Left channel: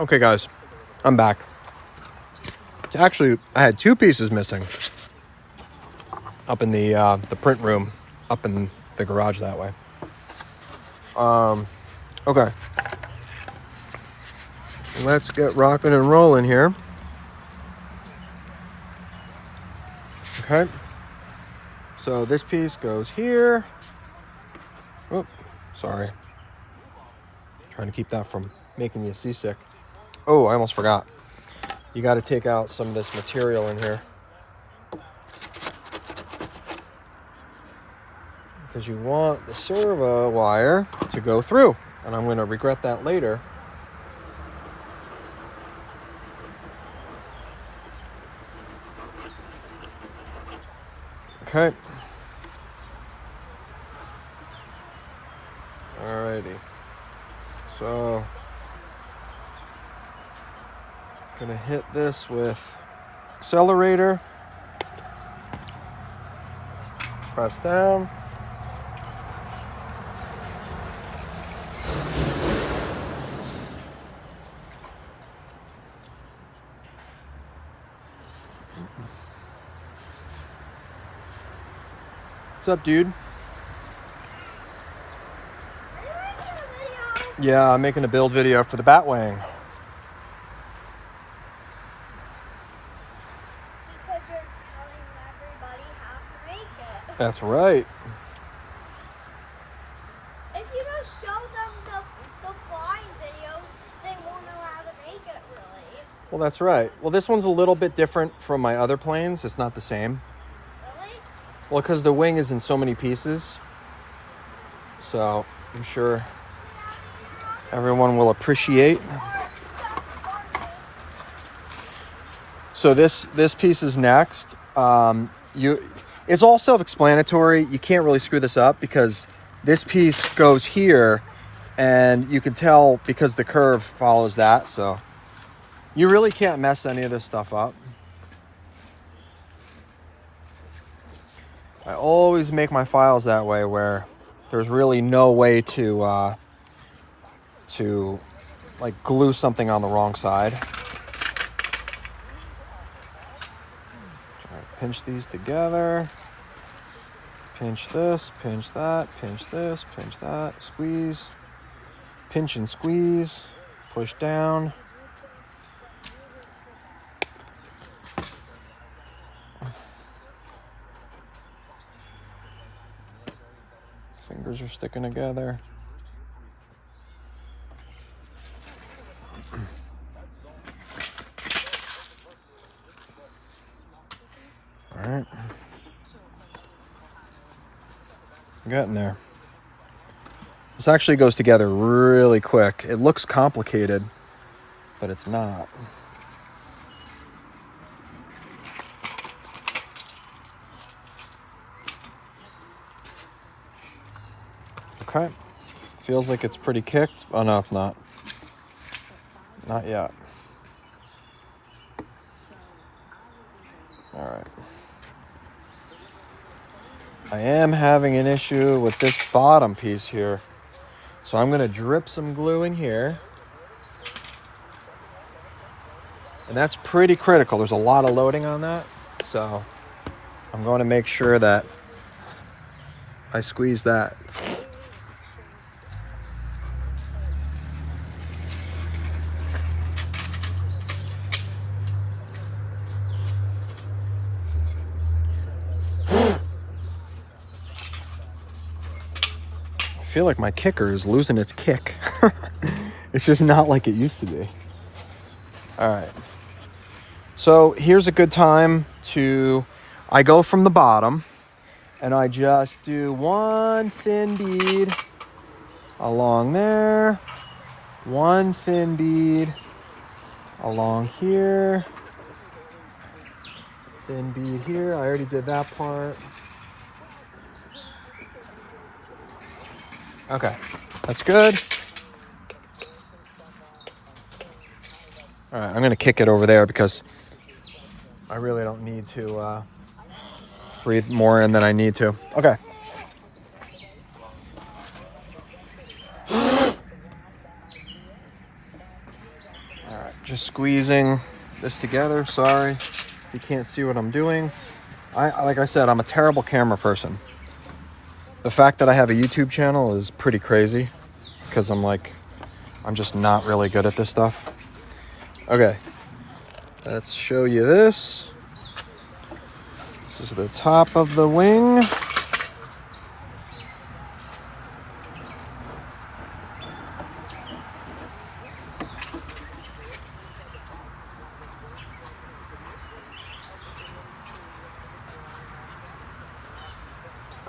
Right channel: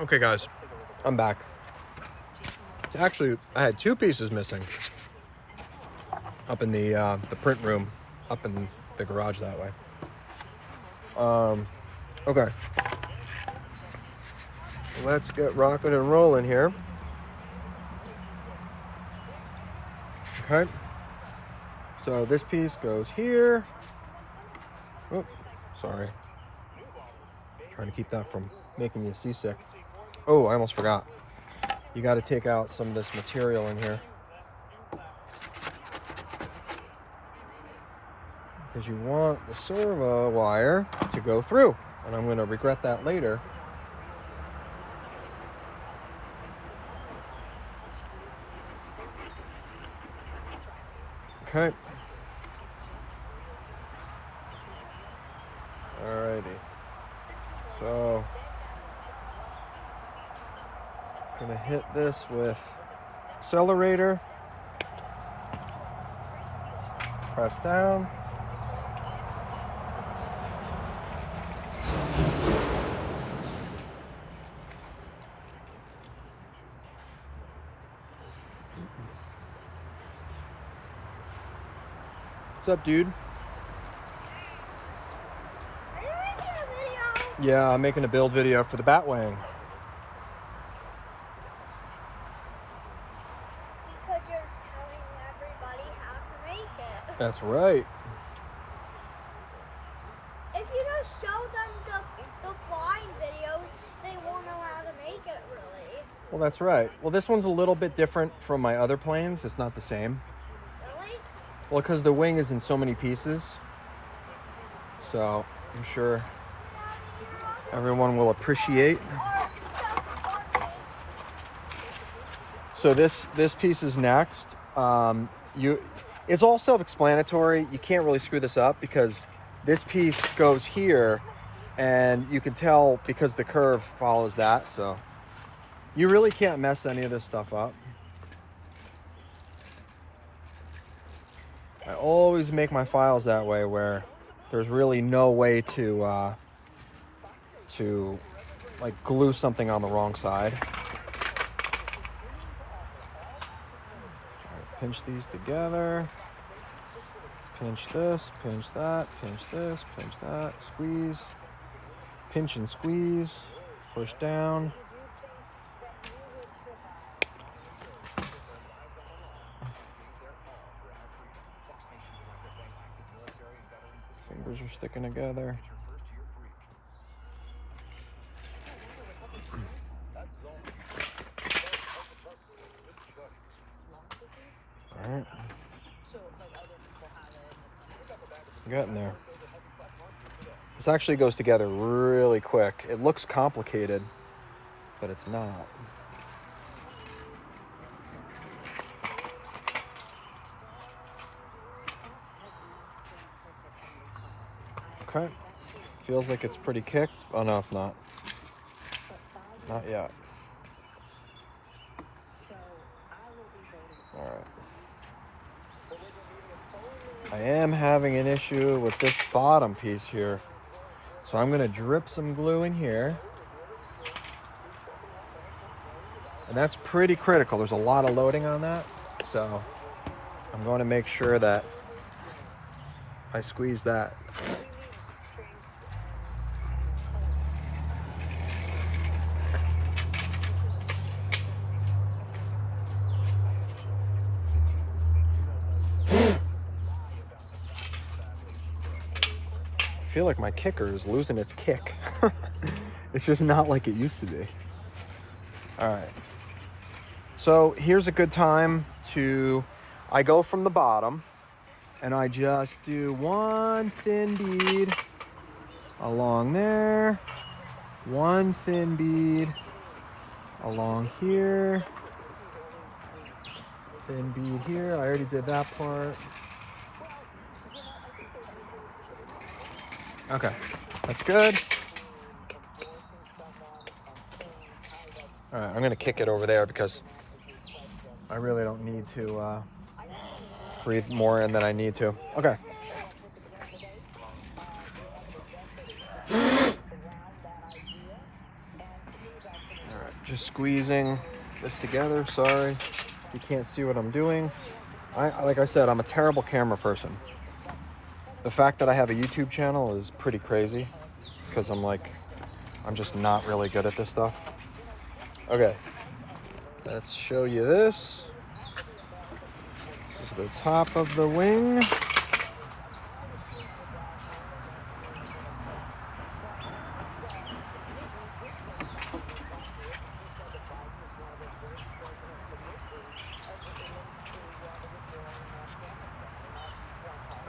Okay, guys, I'm back. Actually, I had two pieces missing up in the print room, up in the garage that way. Okay, let's get rocking and rolling here. Okay, so this piece goes here. Oh, sorry. Trying to keep that from making you seasick. Oh, I almost forgot. You got to take out some of this material in here, because you want the servo wire to go through, and I'm going to regret that later. Okay. Alrighty. So, gonna hit this with accelerator. Press down. What's up, dude? Yeah, I'm making a build video for the Batwing. Because you're telling everybody how to make it. That's right. If you just show them the flying videos, they won't know how to make it, really. Well, that's right. Well, this one's a little bit different from my other planes. It's not the same. Really? Well, because the wing is in so many pieces. So, I'm sure everyone will appreciate. So this piece is next. It's all self-explanatory. You can't really screw this up because this piece goes here, and you can tell because the curve follows that. So you really can't mess any of this stuff up. I always make my files that way, where there's really no way to like glue something on the wrong side. Pinch these together. Pinch this, pinch that, pinch this, pinch that, squeeze. Pinch and squeeze. Push down. Fingers are sticking together. All right. Getting there. This actually goes together really quick. It looks complicated, but it's not. Okay. Feels like it's pretty kicked. Oh, no, it's not. Not yet. All right. I am having an issue with this bottom piece here. So I'm going to drip some glue in here. And that's pretty critical. There's a lot of loading on that. So I'm going to make sure that I squeeze that. I feel like my kicker is losing its kick. It's just not like it used to be. All right. So here's a good time I go from the bottom and I just do one thin bead along there, one thin bead along here, thin bead here. I already did that part. Okay, that's good. All right, I'm gonna kick it over there because I really don't need to breathe more in than I need to. Okay. Just squeezing this together. Sorry, you can't see what I'm doing. Like I said, I'm a terrible camera person. The fact that I have a YouTube channel is pretty crazy because I'm just not really good at this stuff. Okay, let's show you this. This is the top of the wing.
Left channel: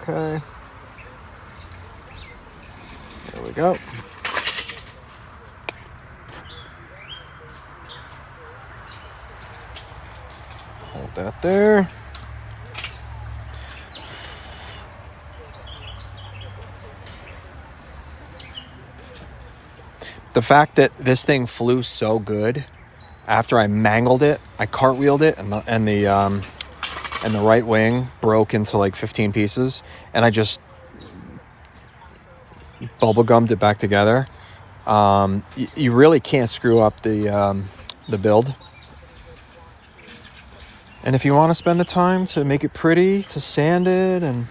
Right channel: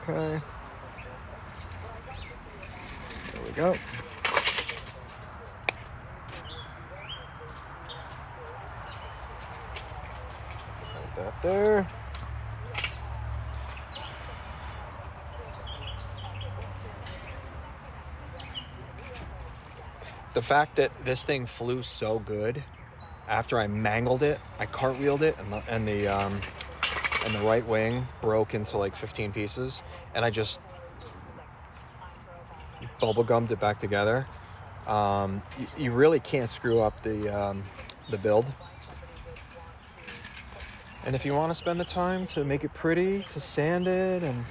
Okay. There we go. Put that there. The fact that this thing flew so good, after I mangled it, I cartwheeled it, and the right wing broke into like 15 pieces, and I just bubble gummed it back together. You really can't screw up the build. And if you want to spend the time to make it pretty, to sand it and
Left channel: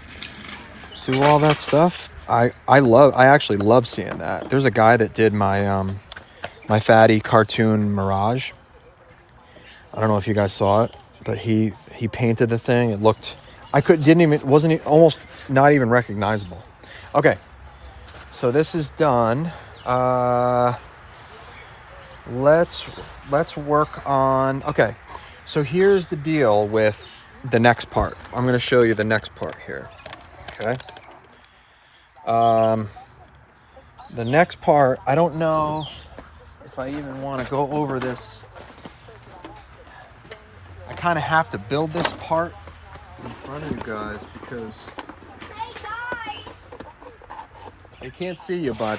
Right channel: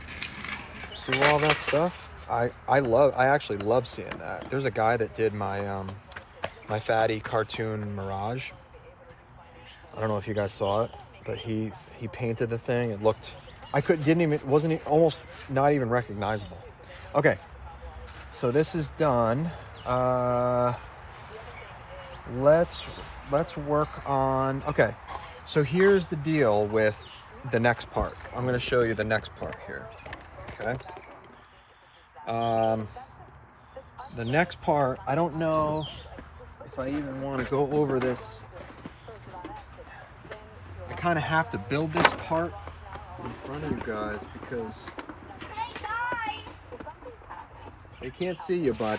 do all that stuff, I actually love seeing that. There's a guy that did my my fatty cartoon Mirage. I don't know if you guys saw it, but he painted the thing. It looked, wasn't almost not even recognizable. Okay, so this is done. Let's work on. Okay, so here's the deal with the next part. I'm going to show you the next part here. Okay. The next part, I don't know if I even want to go over this. I kind of have to build this part in front of you guys because Hey guys! they can't see you, bud.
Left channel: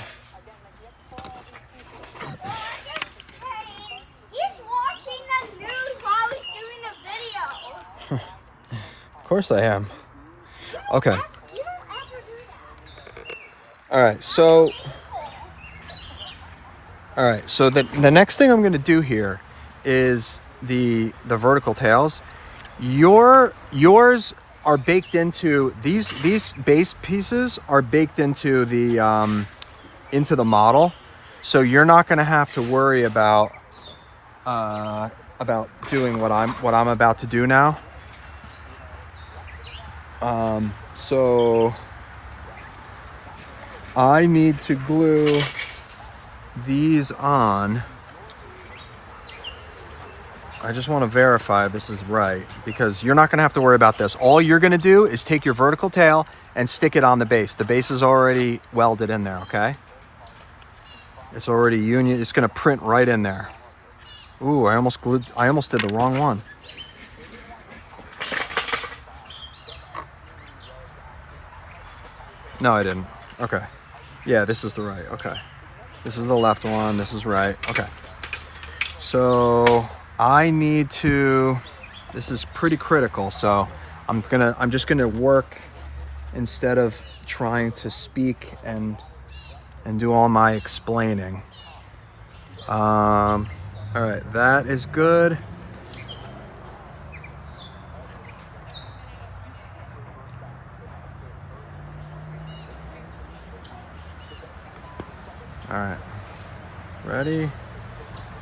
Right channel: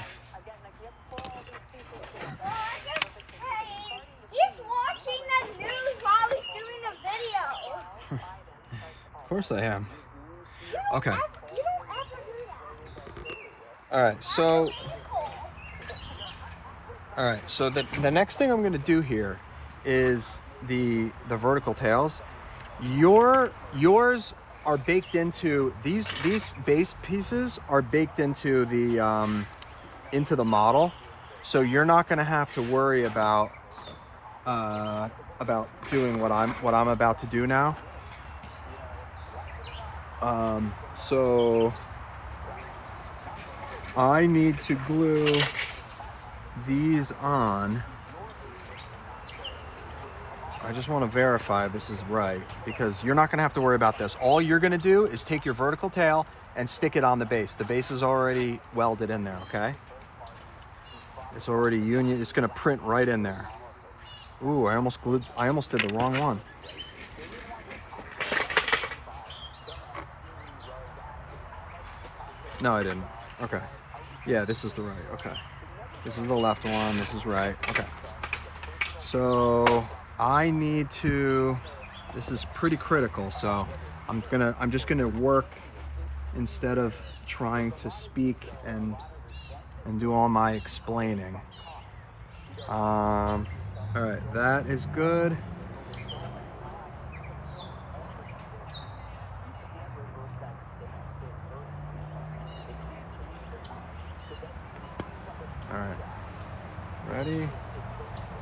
He's watching the news while he's doing a video. Of course I am. Okay. You don't ever do that. All right. So the next thing I'm going to do here is the vertical tails. Yours are baked into these base pieces are baked into the model, so you're not going to have to worry about doing what I'm about to do now. So I need to glue these on. I just want to verify this is right because you're not going to have to worry about this. All you're going to do is take your vertical tail and stick it on the base. The base is already welded in there, okay? It's already union. It's going to print right in there. Ooh, I almost did the wrong one. No, I didn't. Okay. Yeah, this is the right. Okay. This is the left one. This is right. Okay. So I need to, this is pretty critical. So I'm just gonna work instead of trying to speak and do all my explaining. All right, that is good. All right, ready?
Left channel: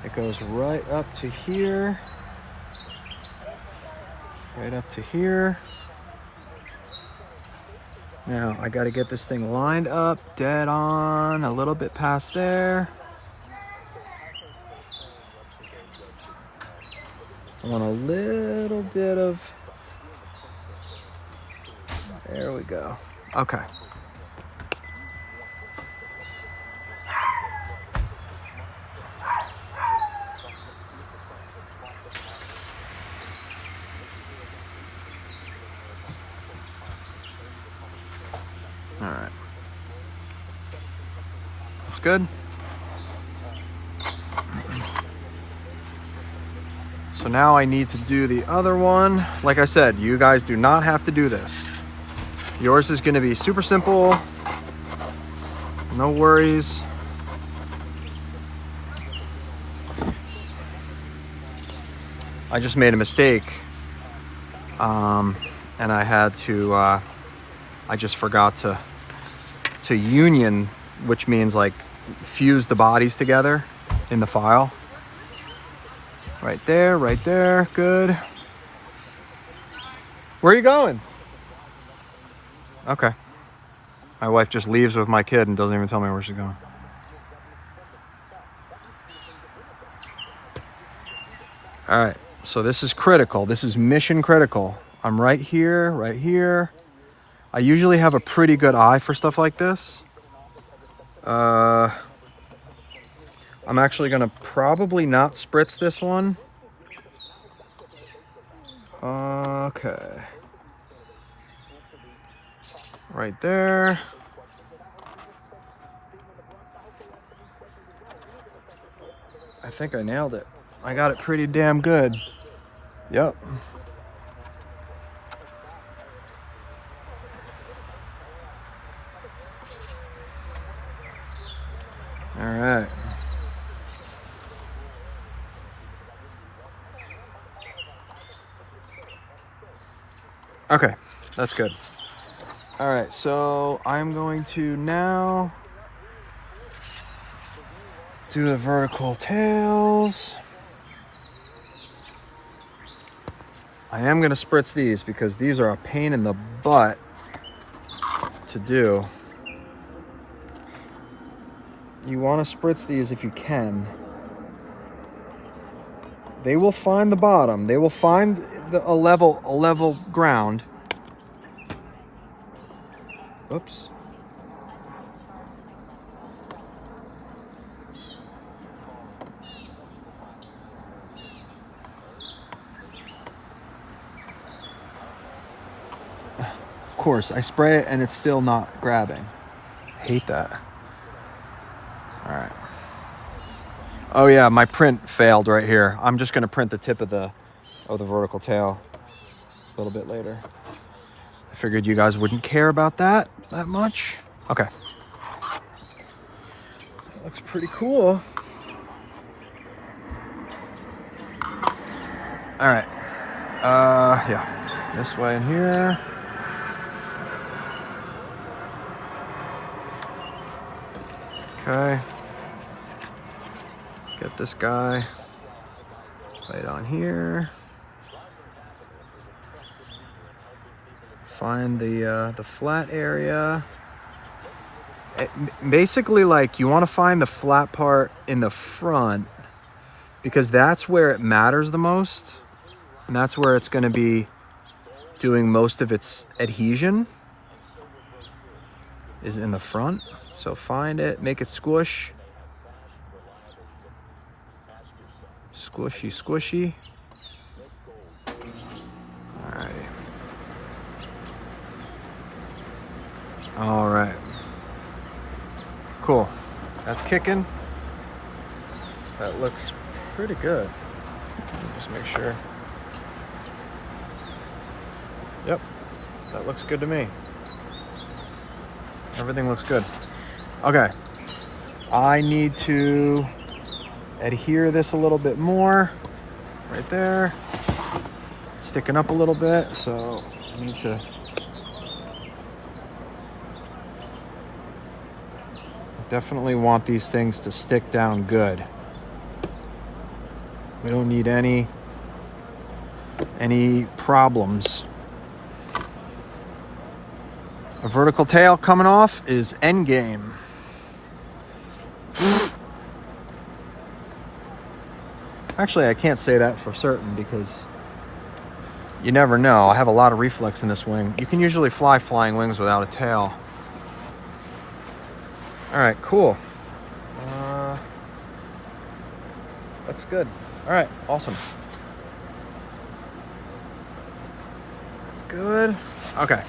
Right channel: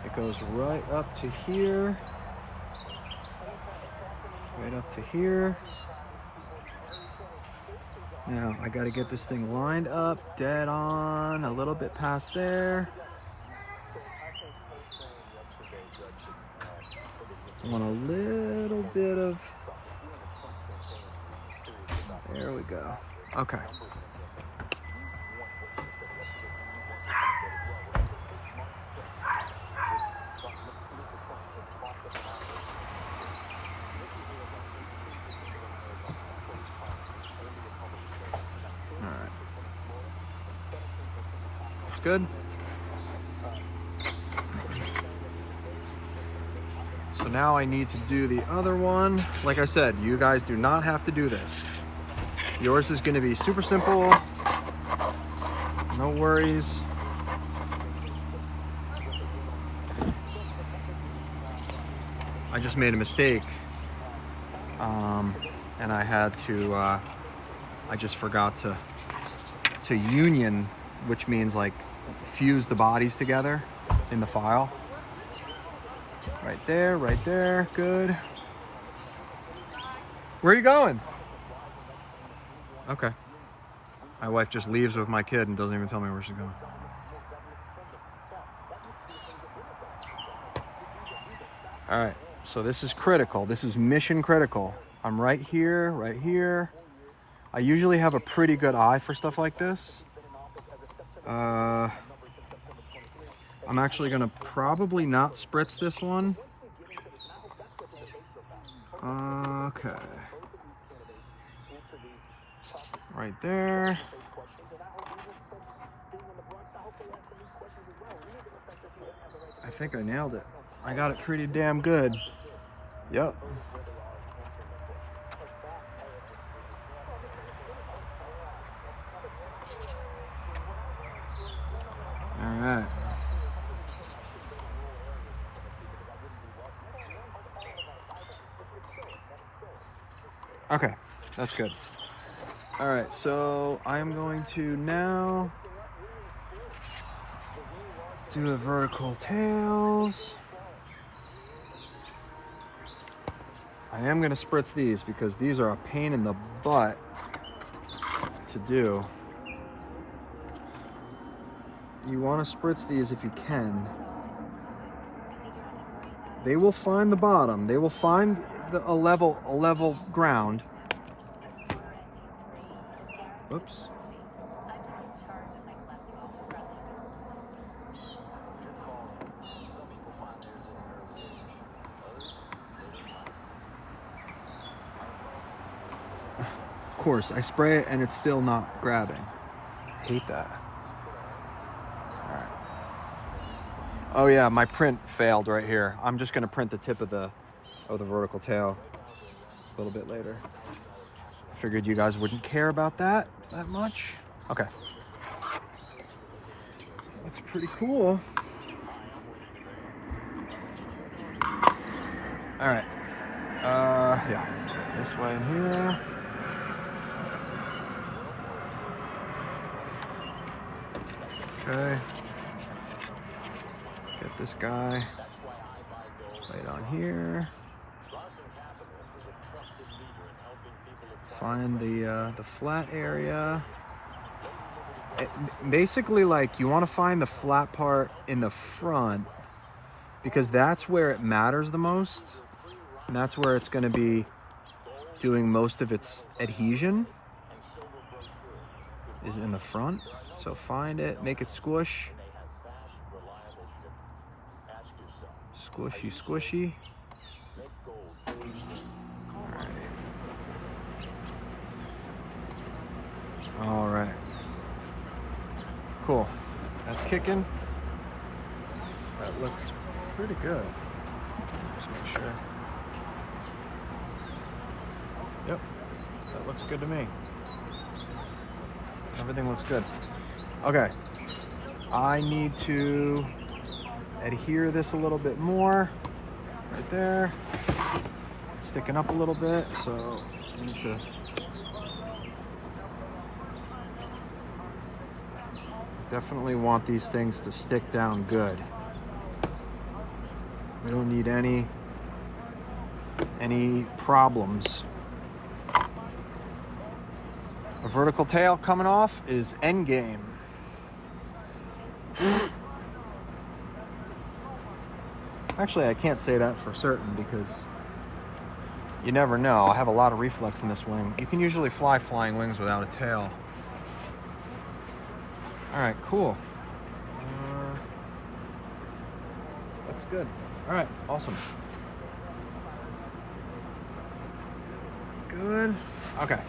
It goes right up to here. Right up to here. Now I got to get this thing lined up, dead on, a little bit past there. I want a little bit of, there we go. Okay. All right. That's good. So now I need to do the other one. Like I said, you guys do not have to do this. Yours is going to be super simple. No worries. I just made a mistake. And I had to, I just forgot to union, which means like fuse the bodies together in the file. Right there, good. Where are you going? Okay. My wife just leaves with my kid and doesn't even tell me where she's going. All right, so this is critical. This is mission critical. I'm right here, right here. I usually have a pretty good eye for stuff like this. I'm actually gonna probably not spritz this one. Okay. Right there. I think I nailed it. I got it pretty damn good. Yep. All right. Okay, that's good. All right, so I'm going to now do the vertical tails. I am gonna spritz these because these are a pain in the butt to do. You wanna spritz these if you can. They will find the bottom. They will find a level ground. Oops. Of course, I spray it and it's still not grabbing. Hate that. All right. Oh yeah, my print failed right here. I'm just gonna print the tip of the vertical tail a little bit later. I figured you guys wouldn't care about that much. Okay. That looks pretty cool. All right. Yeah. This way in here. Okay. Get this guy right on here. Find the flat area. Basically, like, you want to find the flat part in the front because that's where it matters the most, and that's where it's going to be doing most of its adhesion, is in the front. So find it, make it squish. Squishy, squishy. All right. Cool. That's kicking. That looks pretty good. Just make sure. Yep. That looks good to me. Everything looks good. Okay. I need to adhere this a little bit more. Right there. It's sticking up a little bit, so I need to definitely want these things to stick down good. We don't need any problems. A vertical tail coming off is endgame. Actually, I can't say that for certain because you never know. I have a lot of reflex in this wing. You can usually fly flying wings without a tail. All right, cool. That's good. All right, awesome. That's good. Okay,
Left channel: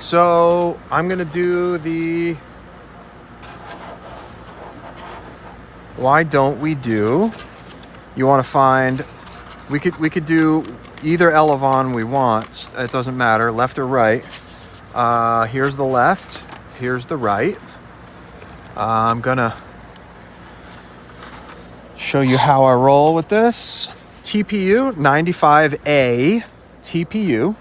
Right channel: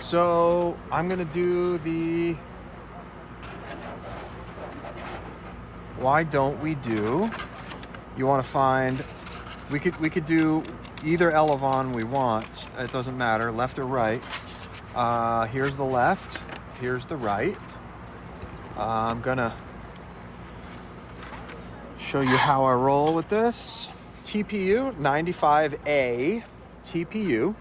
so I'm gonna do the why don't we do? You want to find? We could do either elevon we want. It doesn't matter, left or right. Here's the left. Here's the right. I'm gonna show you how I roll with this. TPU 95A TPU.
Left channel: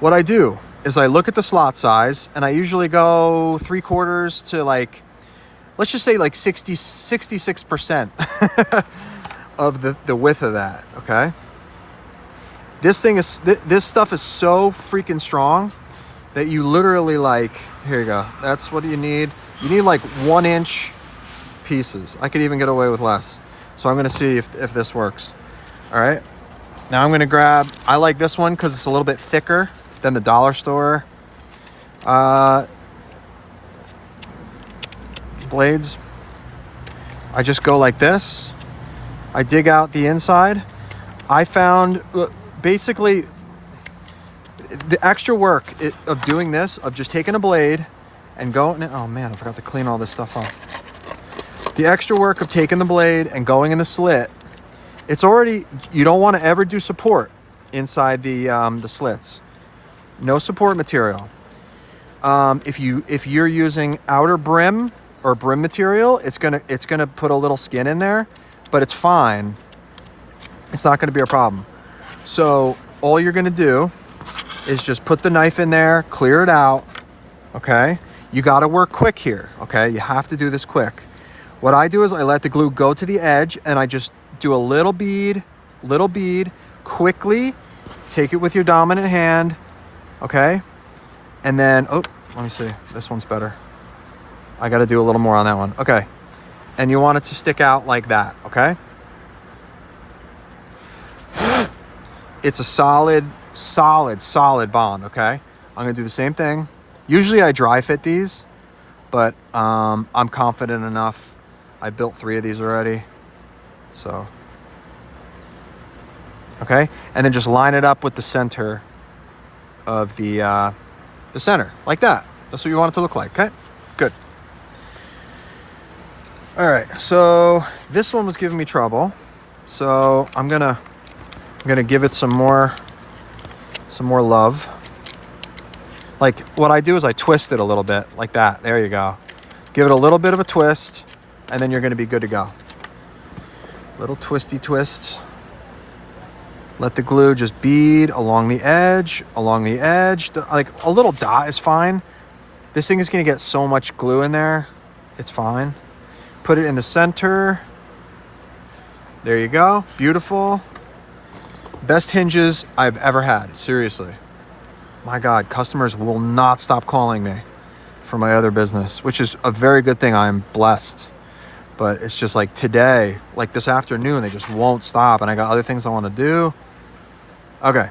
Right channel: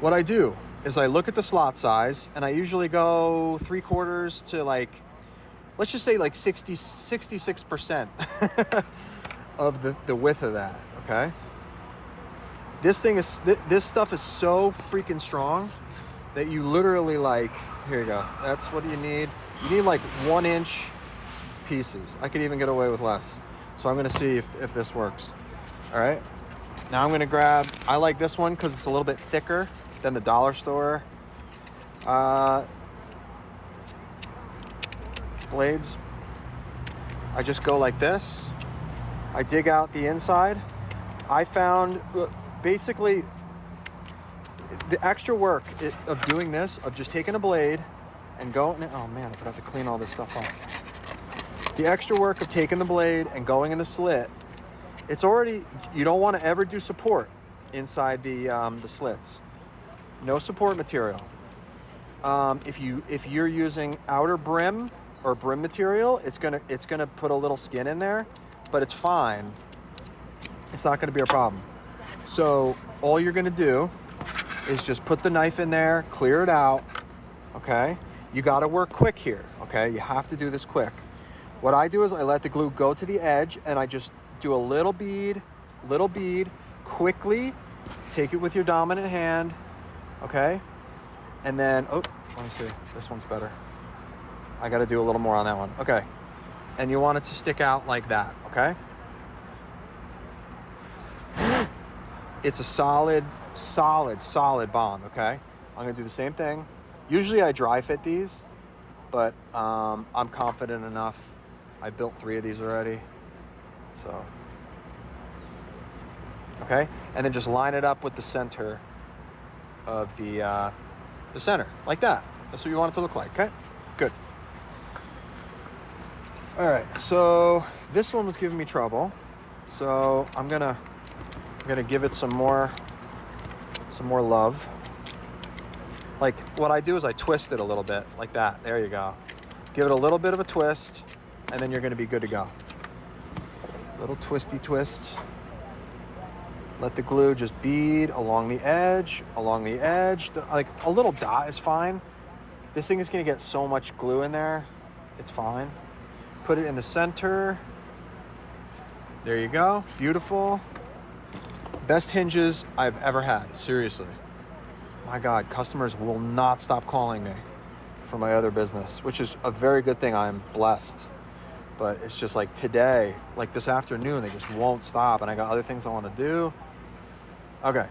What I do is I look at the slot size, and I usually go 3/4 to like, let's just say like 66% of the width of that, okay? This thing is, this stuff is so freaking strong that you literally like, here you go. That's what you need. You need like 1-inch pieces. I could even get away with less. So I'm gonna see if this works. All right, now I'm gonna grab, I like this one because it's a little bit thicker than the dollar store blades. I just go like this. I dig out the inside. I found basically the extra work of doing this, of just taking a blade and going, oh man, I forgot to clean all this stuff off. The extra work of taking the blade and going in the slit, it's already, you don't want to ever do support inside the slits. No support material. If you're using outer brim or brim material, it's gonna put a little skin in there, but it's fine. It's not gonna be a problem. So all you're gonna do is just put the knife in there, clear it out, okay? You gotta work quick here, okay? You have to do this quick. What I do is I let the glue go to the edge, and I just do a little bead, quickly, take it with your dominant hand, okay? And then, oh, let me see, this one's better. I gotta do a little more on that one, okay. And you want it to stick out like that, okay? It's a solid bond, okay? I'm gonna do the same thing. Usually I dry fit these, but I'm confident enough. I built 3 of these already, so. Okay, and then just line it up with the center of the center, like that. That's what you want it to look like, okay? Good. All right, so this one was giving me trouble, so I'm gonna give it some more love. Like, what I do is I twist it a little bit, like that. There you go. Give it a little bit of a twist, and then you're gonna be good to go. Little twisty twist. Let the glue just bead along the edge. Like, a little dot is fine. This thing is gonna get so much glue in there. It's fine. Put it in the center. There you go, beautiful. Best hinges I've ever had, seriously. My God, customers will not stop calling me for my other business, which is a very good thing. I'm blessed. But it's just like today, like this afternoon, they just won't stop, and I got other things I want to do. Okay.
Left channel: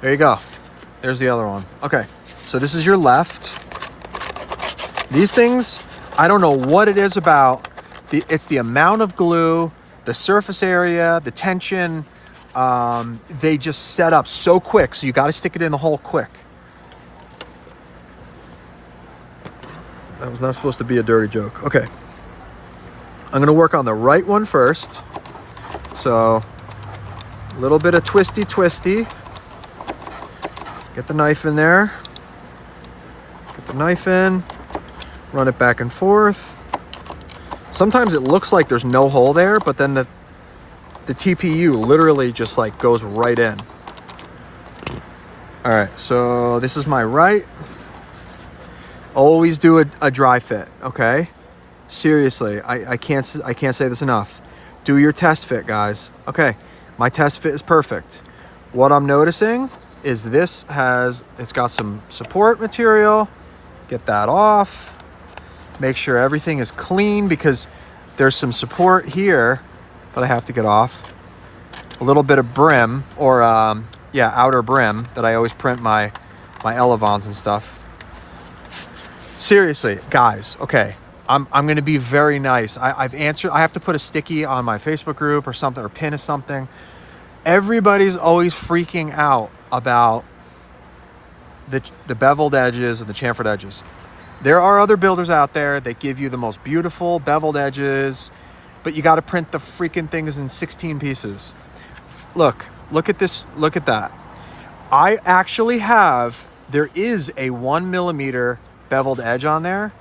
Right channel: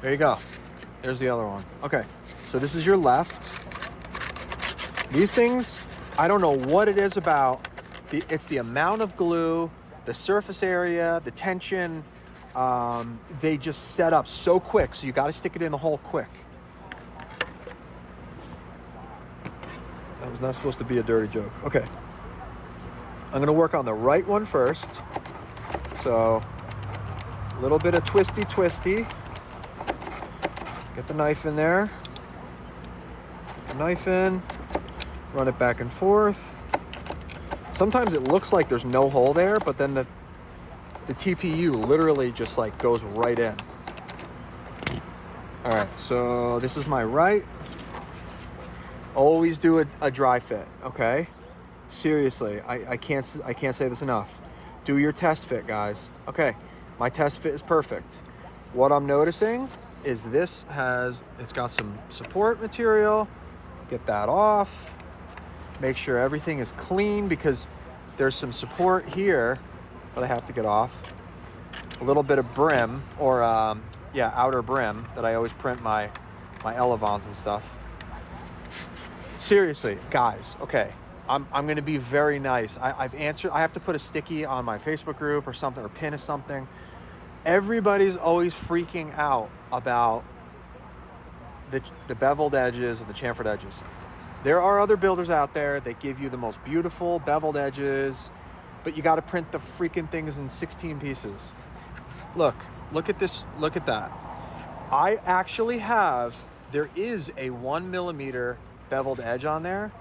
There you go. There's the other one. Okay, so this is your left. These things, I don't know what it is about. It's the amount of glue, the surface area, the tension. They just set up so quick, so you got to stick it in the hole quick. That was not supposed to be a dirty joke. Okay. I'm going to work on the right one first. So, a little bit of twisty. Get the knife in there. Get the knife in. Run it back and forth. Sometimes it looks like there's no hole there, but then the TPU literally just like goes right in. All right, so this is my right. Always do a dry fit, okay? Seriously, I can't say this enough. Do your test fit, guys. Okay, my test fit is perfect. What I'm noticing is it's got some support material. Get that off. Make sure everything is clean, because there's some support here that I have to get off. A little bit of brim, or outer brim, that I always print my elevons and stuff. Seriously, guys, okay, I'm gonna be very nice. I have to put a sticky on my Facebook group or something, or pin or something. Everybody's always freaking out about the beveled edges and the chamfered edges. There are other builders out there that give you the most beautiful beveled edges, but you got to print the freaking things in 16 pieces. Look at this, look at that. I actually there is a 1 millimeter beveled edge on there,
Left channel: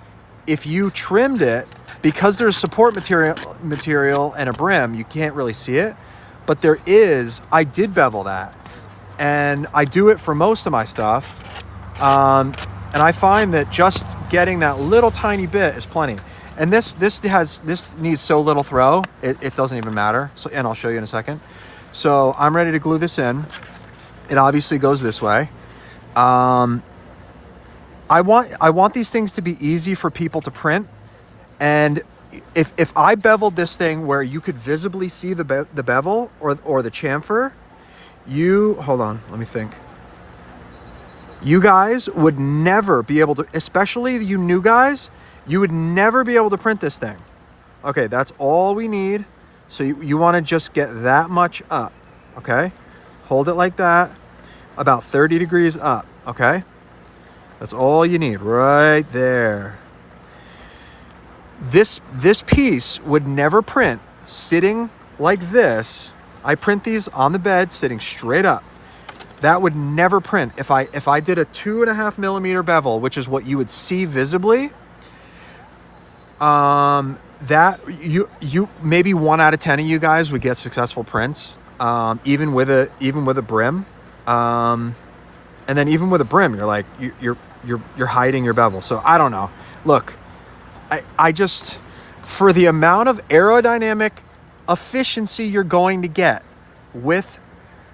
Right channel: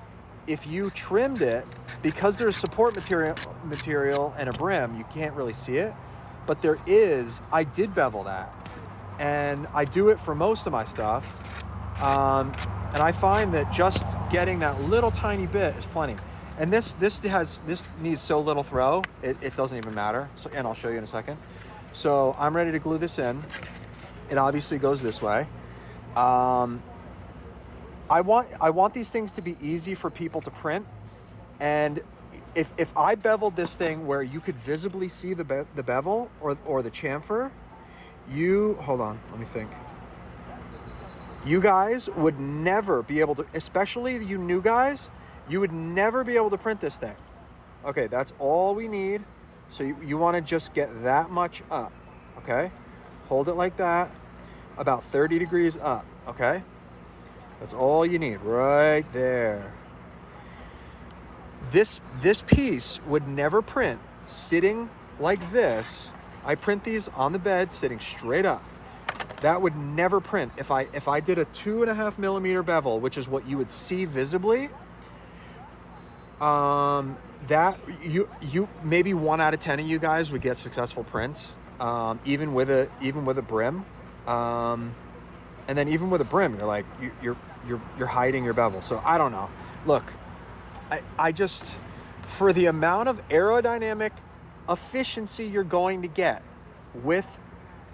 if you trimmed it, because there's support material and a brim, you can't really see it, but there is. I did bevel that, and I do it for most of my stuff, and I find that just getting that little tiny bit is plenty. And this needs so little throw, it doesn't even matter. So, and I'll show you in a second. So I'm ready to glue this in. It obviously goes this way. I want these things to be easy for people to print. And if I beveled this thing where you could visibly see the bevel or the chamfer, hold on, let me think. You guys would never be able to, especially you new guys, you would never be able to print this thing. Okay, that's all we need. So you want to just get that much up, okay? Hold it like that, about 30 degrees up, okay? That's all you need right there. This piece would never print sitting like this. I print these on the bed sitting straight up. That would never print if I did a 2.5 millimeter bevel, which is what you would see visibly. That you maybe 1 out of 10 of you guys would get successful prints, even with a brim, and then even with a brim, you're like you're hiding your bevel. So I don't know. Look, I just, for the amount of aerodynamic efficiency you're going to get with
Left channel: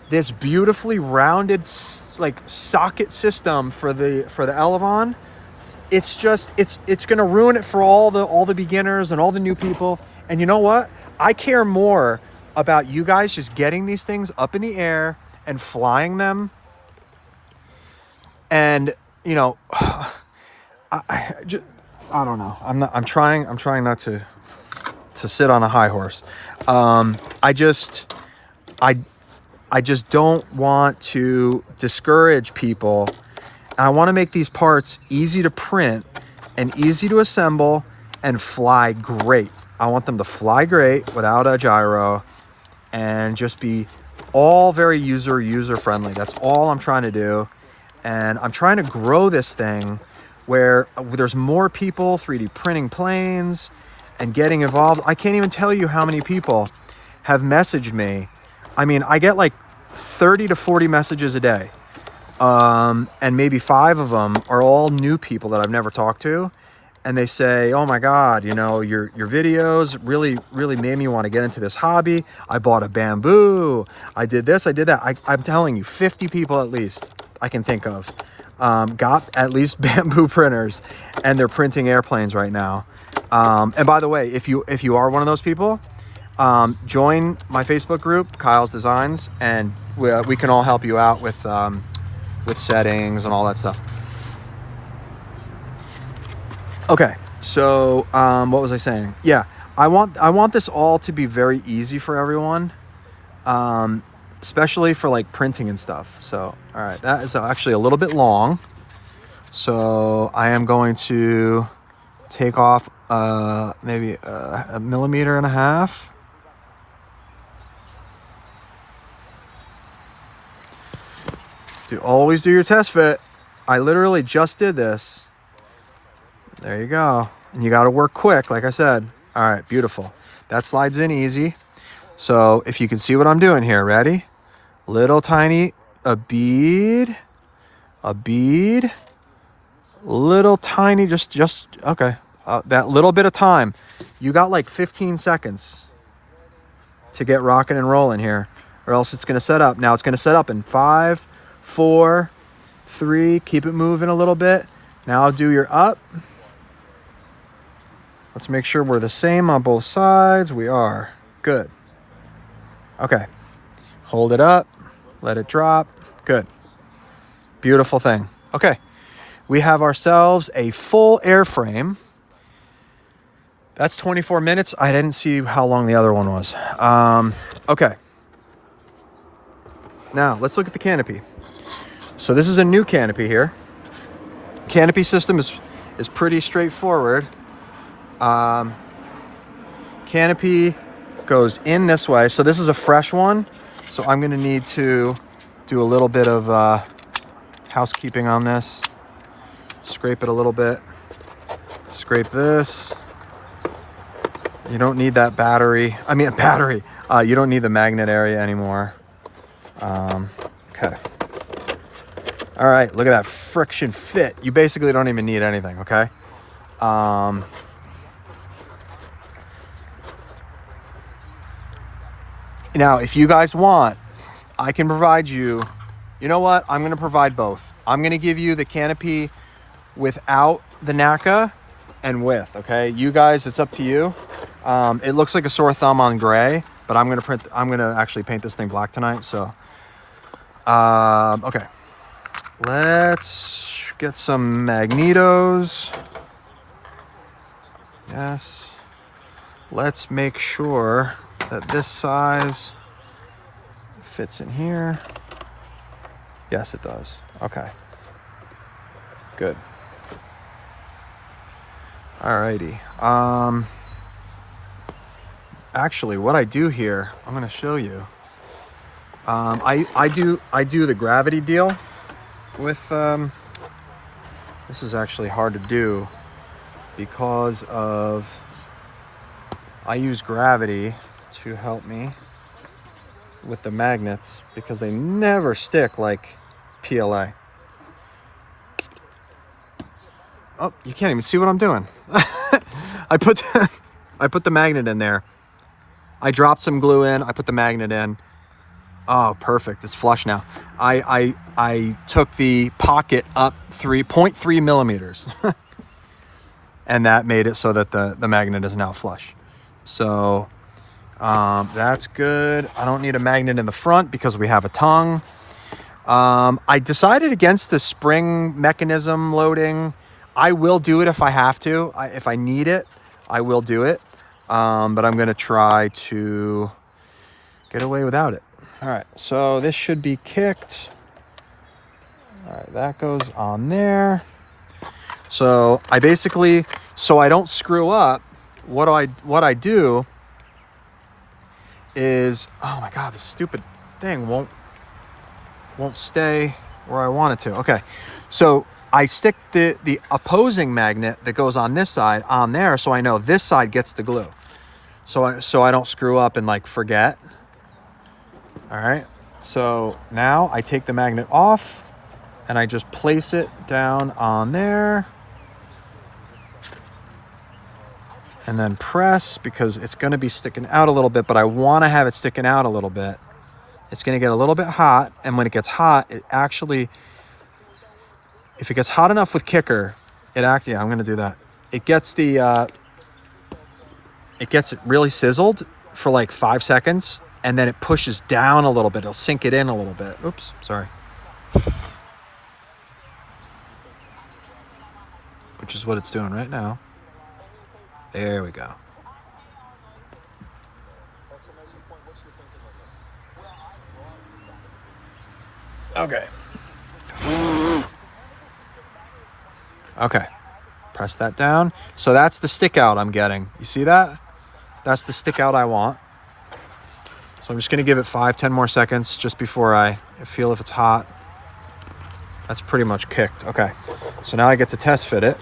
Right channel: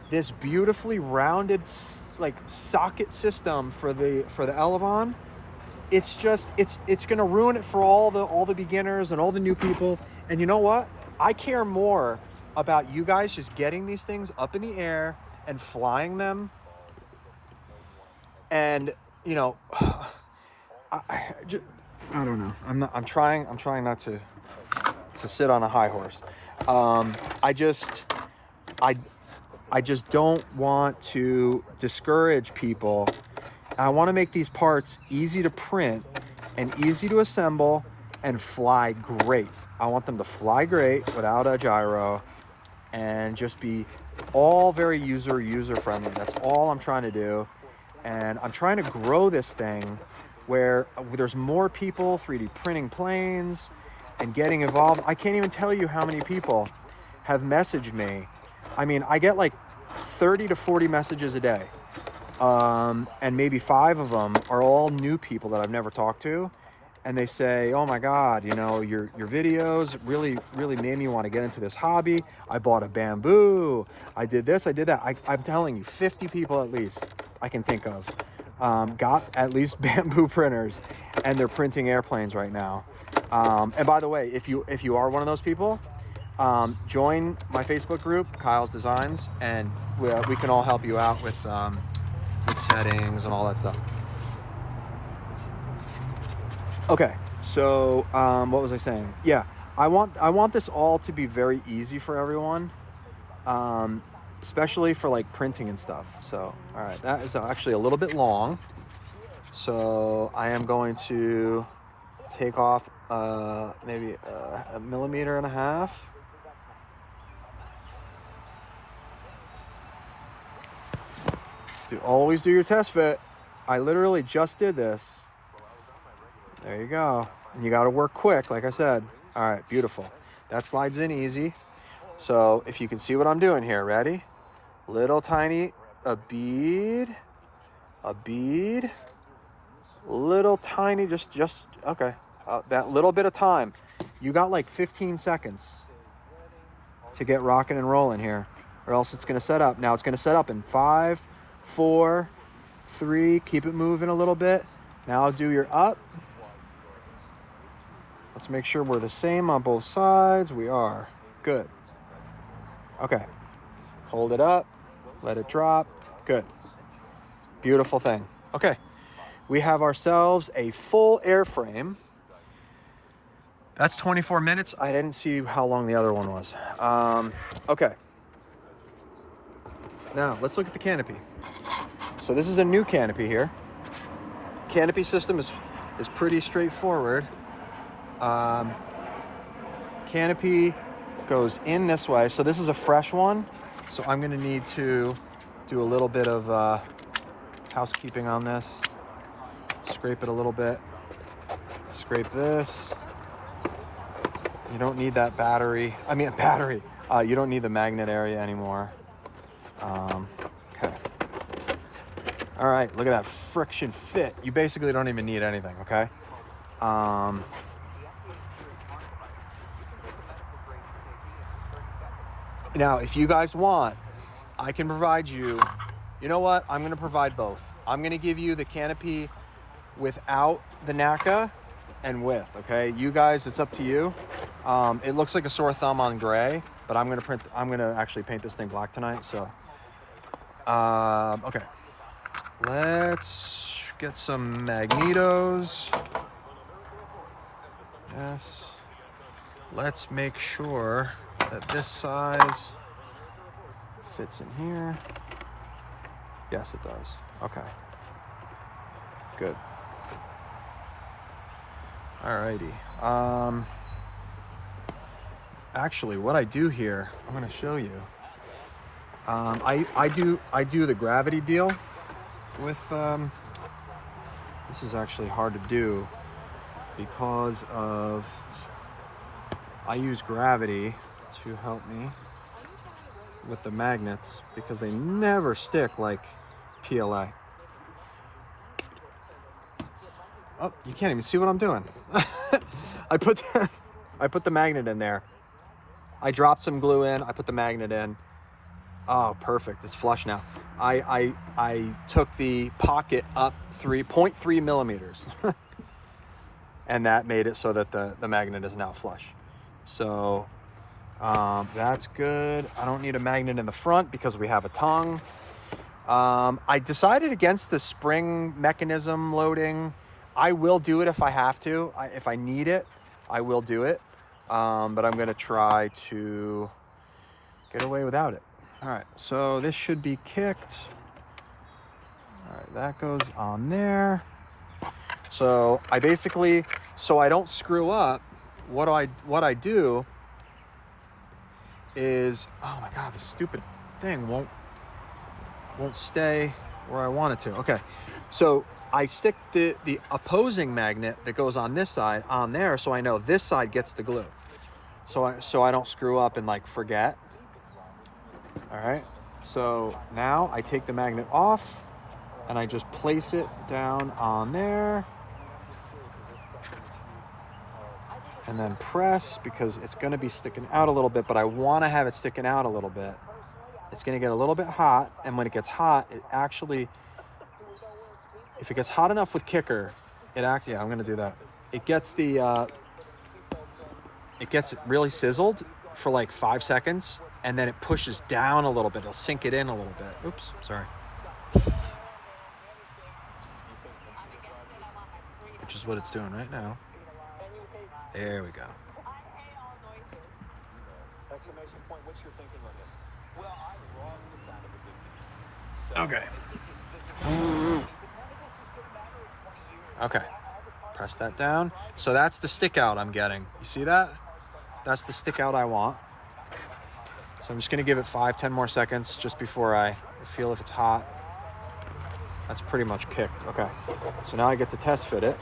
this beautifully rounded like socket system for the Elevon, it's gonna ruin it for all the beginners and all the new people. And you know what? I care more about you guys just getting these things up in the air and flying them. And you know, I don't know. I'm trying not to sit on a high horse. I just don't want to discourage people. I want to make these parts easy to print and easy to assemble and fly great. I want them to fly great without a gyro and just be all very user friendly. That's all I'm trying to do. And I'm trying to grow this thing where there's more people 3D printing planes and getting involved. I can't even tell you how many people have messaged me. I mean, I get like 30 to 40 messages a day. And maybe 5 of them are all new people that I've never talked to. And they say, oh my God, you know, your videos really made me want to get into this hobby. I bought a bamboo. I did this, I did that. I'm telling you, 50 people at least I can think of got at least bamboo printers, and they're printing airplanes right now. And by the way, if you are one of those people, join my Facebook group, Kyle's Designs, and we can all help you out with settings and all that stuff. Okay, so what was I saying? Yeah, I want this all to be very easy for everyone, especially for like printing and stuff. So, all right, that is actually a little bit long. So I am going to take off maybe 1.5 millimeters. Always do your test fit. I literally just did this. There you go. And you got to work quick, like I said. All right, beautiful. That slides in easy. So if you can see what I'm doing here, ready? Little tiny, a bead, little tiny, just okay. That little bit of time. You got like 15 seconds to get rocking and rolling here, or else it's gonna set up. Now it's gonna set up in 5, 4, 3, keep it moving a little bit. Now do your up. Let's make sure we're the same on both sides. We are. Good. Okay. Hold it up. Let it drop. Good. Beautiful thing. Okay. We have ourselves a full airframe. That's 24 minutes. I didn't see how long the other one was. Okay. Now, let's look at the canopy. So this is a new canopy here. Canopy system is pretty straightforward. Canopy goes in this way. So this is a fresh one. So I'm going to need to do a little bit of housekeeping on this. Scrape it a little bit. Scrape this. You don't need that battery. I mean, a battery. You don't need the magnet area anymore. Okay. All right, look at that friction fit. You basically don't even need anything, okay? Now, if you guys want, I can provide you, you know what? I'm gonna provide both. I'm gonna give you the canopy without the NACA and with, okay? You guys, it's up to you. It looks like a sore thumb on gray, but I'm gonna actually paint this thing black tonight, so. Okay. Let's get some magnetos. Yes. Let's make sure that this size fits in here. Yes, it does. Okay. Good. Alrighty. Actually, what I do here, I'm gonna show you. I do the gravity deal with. This is actually hard to do because of. I use gravity to help me with the magnets because they never stick like PLA. Oh, you can't even see what I'm doing. I put the magnet in there. I dropped some glue in. I put the magnet in. Oh, perfect. It's flush now. I took the pocket up 3.3 millimeters. And that made it so that the magnet is now flush. So that's good. I don't need a magnet in the front because we have a tongue. I decided against the spring mechanism loading. I will do it if I have to. If I need it, I will do it. But I'm gonna try to get away without it. All right, so this should be kicked. All right, that goes on there. So I basically, so I don't screw up, what I do is, oh my God, this stupid thing won't stay where I want it to. Okay, so I stick the opposing magnet that goes on this side on there, so I know this side gets the glue. So I don't screw up and like forget. All right, so now I take the magnet off and I just place it down on there and then press because it's gonna be sticking out a little bit, but I wanna have it sticking out a little bit. It's gonna get a little bit hot, and when it gets hot, it actually, if it gets hot enough with Kicker, yeah, I'm gonna do that. It gets it really sizzled for like 5 seconds, and then it pushes down a little bit. It'll sink it in a little bit. Oops, sorry. Which is what it's doing right now. There we go. Okay. Okay. Press that down. So that's the stick out I'm getting. You see that? That's the stick out I want. So I'm just gonna give it 5-10 more seconds just before I feel if it's hot. That's pretty much kicked. Okay, so now I get to test fit it.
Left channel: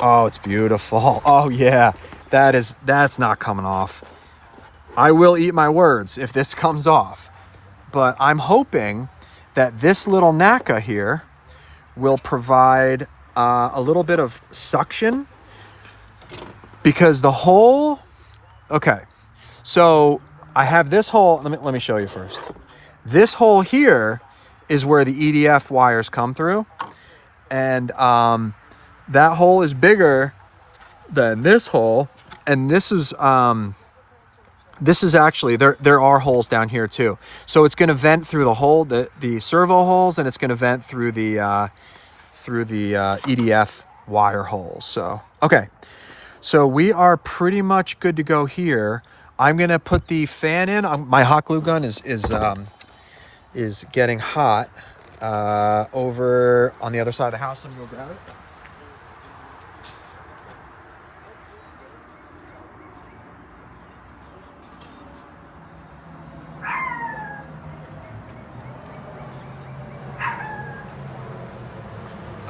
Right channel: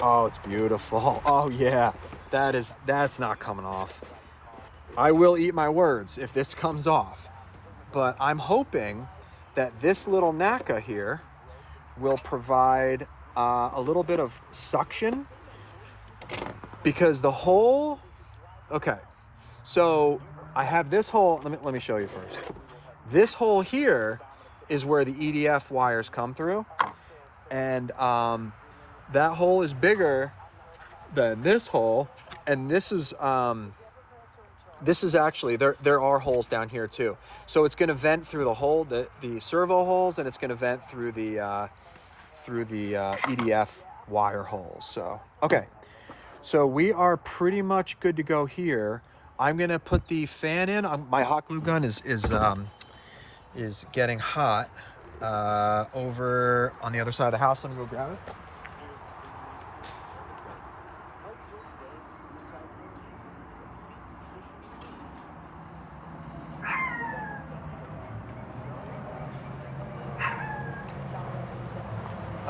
Oh, it's beautiful. Oh yeah, that's not coming off. I will eat my words if this comes off, but I'm hoping that this little NACA here will provide a little bit of suction because the hole, okay, so I have this hole, let me show you first. This hole here is where the EDF wires come through, and that hole is bigger than this hole, and this is actually, there are holes down here too. So it's gonna vent through the hole, the servo holes, and it's gonna vent through the EDF wire holes. So, okay. So we are pretty much good to go here. I'm gonna put the fan in. My hot glue gun is getting hot over on the other side of the house. Let me go grab it.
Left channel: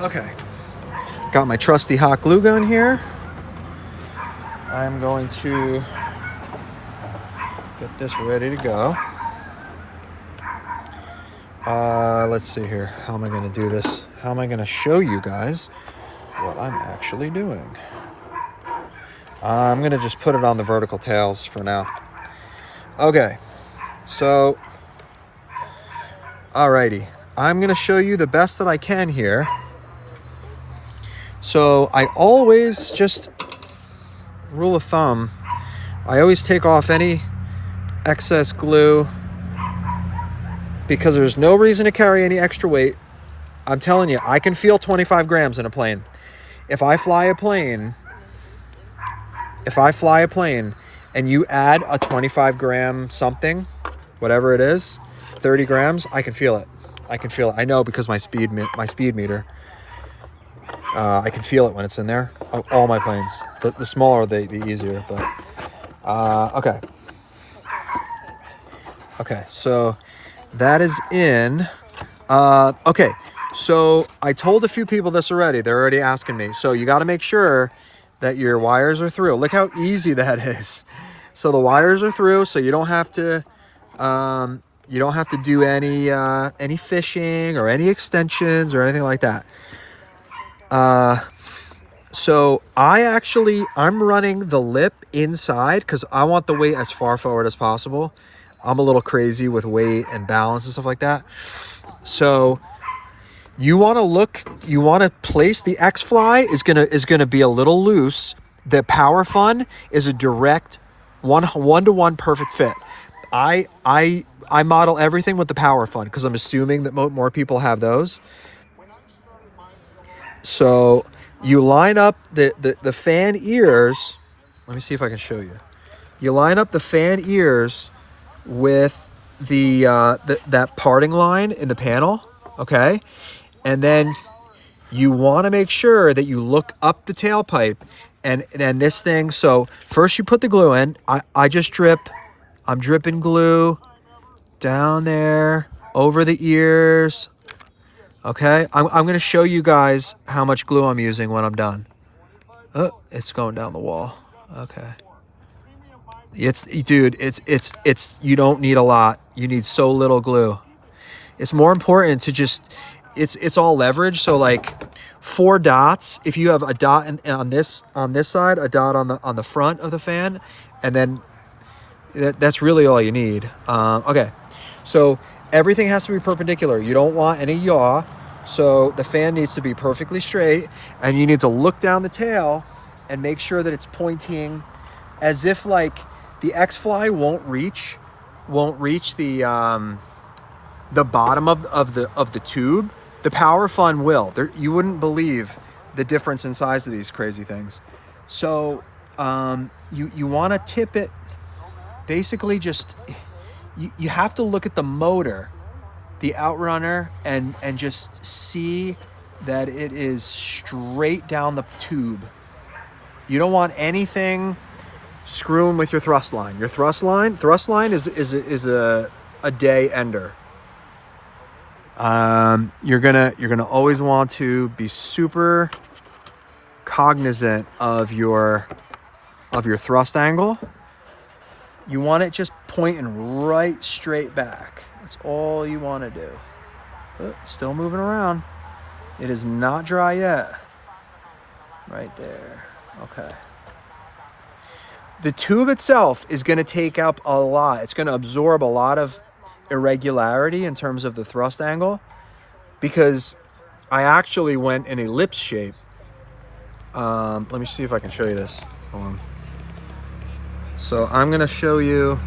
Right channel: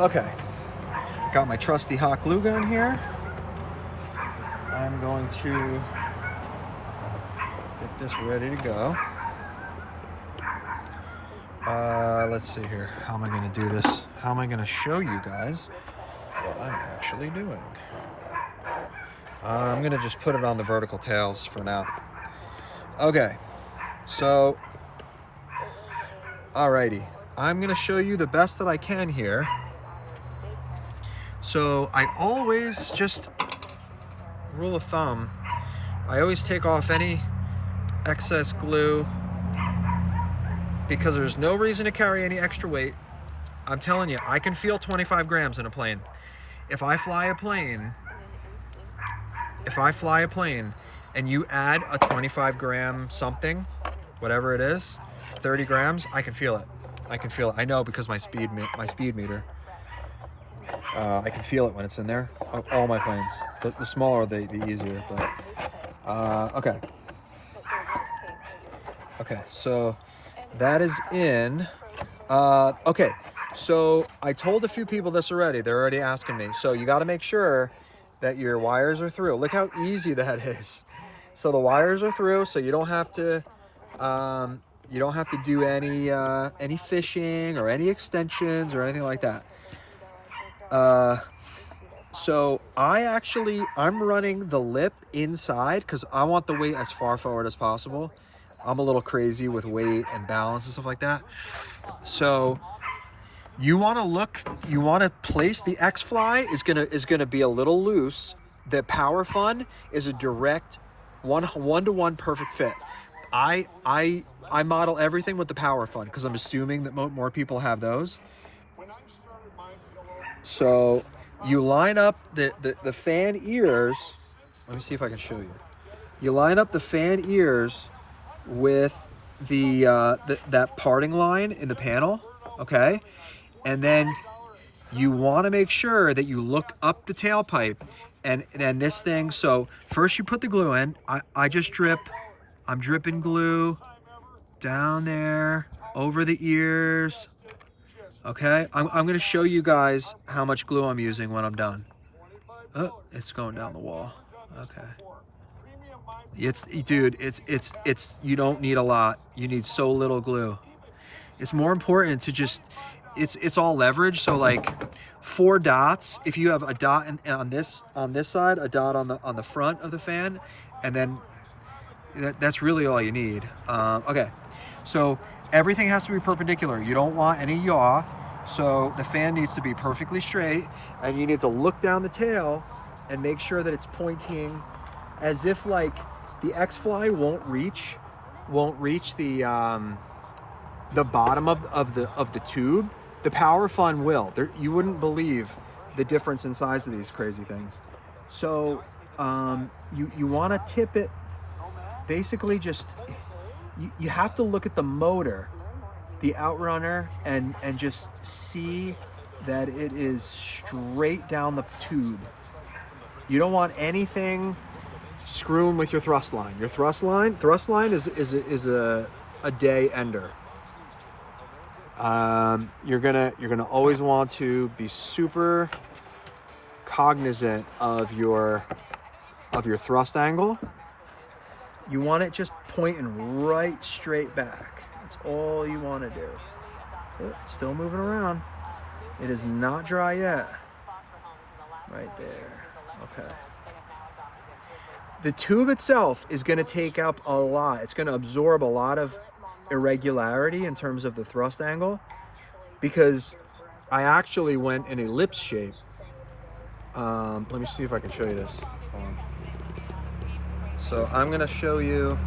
Okay. Got my trusty hot glue gun here. I'm going to get this ready to go. Let's see here. How am I going to do this? How am I going to show you guys what I'm actually doing? I'm going to just put it on the vertical tails for now. Okay, so, alrighty. I'm going to show you the best that I can here. So I always, just rule of thumb, I always take off any excess glue because there's no reason to carry any extra weight. I'm telling you, I can feel 25 grams in a plane. If I fly a plane and you add a 25 gram something, whatever it is, 30 grams, I can feel it. I know because my speed meter. I can feel it when it's in there. All my planes. The smaller, the easier. But okay. Okay, so that is in. Okay, so I told a few people this already. They're already asking me. So you got to make sure that your wires are through. Look how easy that is. So the wires are through, so you don't have to. You don't have to do any fishing or any extensions or anything like that. So I'm running the lip inside because I want the weight as far forward as possible. I'm a little crazy with weight and balance and stuff like that. So you want to place the X-Fly is gonna be a little loose. The Power Fun is a direct one-to-one perfect fit. I model everything with the Power Fun because I'm assuming that more people have those. So you line up the fan ears. Let me see if I can show you. You line up the fan ears with that parting line in the panel, okay? And then you want to make sure that you look up the tailpipe and then this thing. So first you put the glue in. I'm dripping glue down there over the ears. Okay, I'm going to show you guys how much glue I'm using when I'm done. Oh, it's going down the wall. Okay. It's you don't need a lot. You need so little glue. It's more important to just, it's all leverage. So like 4 dots, if you have a dot on this side, a dot on the front of the fan, and then that's really all you need. Okay, so everything has to be perpendicular. You don't want any yaw. So the fan needs to be perfectly straight, and you need to look down the tail and make sure that it's pointing as if like the X-Fly won't reach the bottom of the tube. The Power Fun will. You wouldn't believe the difference in size of these crazy things. So you want to tip it. Basically, just you have to look at the motor, the outrunner, and just see that it is straight down the tube. You don't want anything screwing with your thrust line. Your thrust line is a day ender. You're gonna always want to be super cognizant of your thrust angle. You want it just pointing right straight back. That's all you want to do. Oh, still moving around. It is not dry yet. Right there. Okay. The tube itself is going to take up a lot. It's going to absorb a lot of irregularity in terms of the thrust angle because I actually went in ellipse shape. Let me see if I can show you this. Hold on. So I'm going to show you.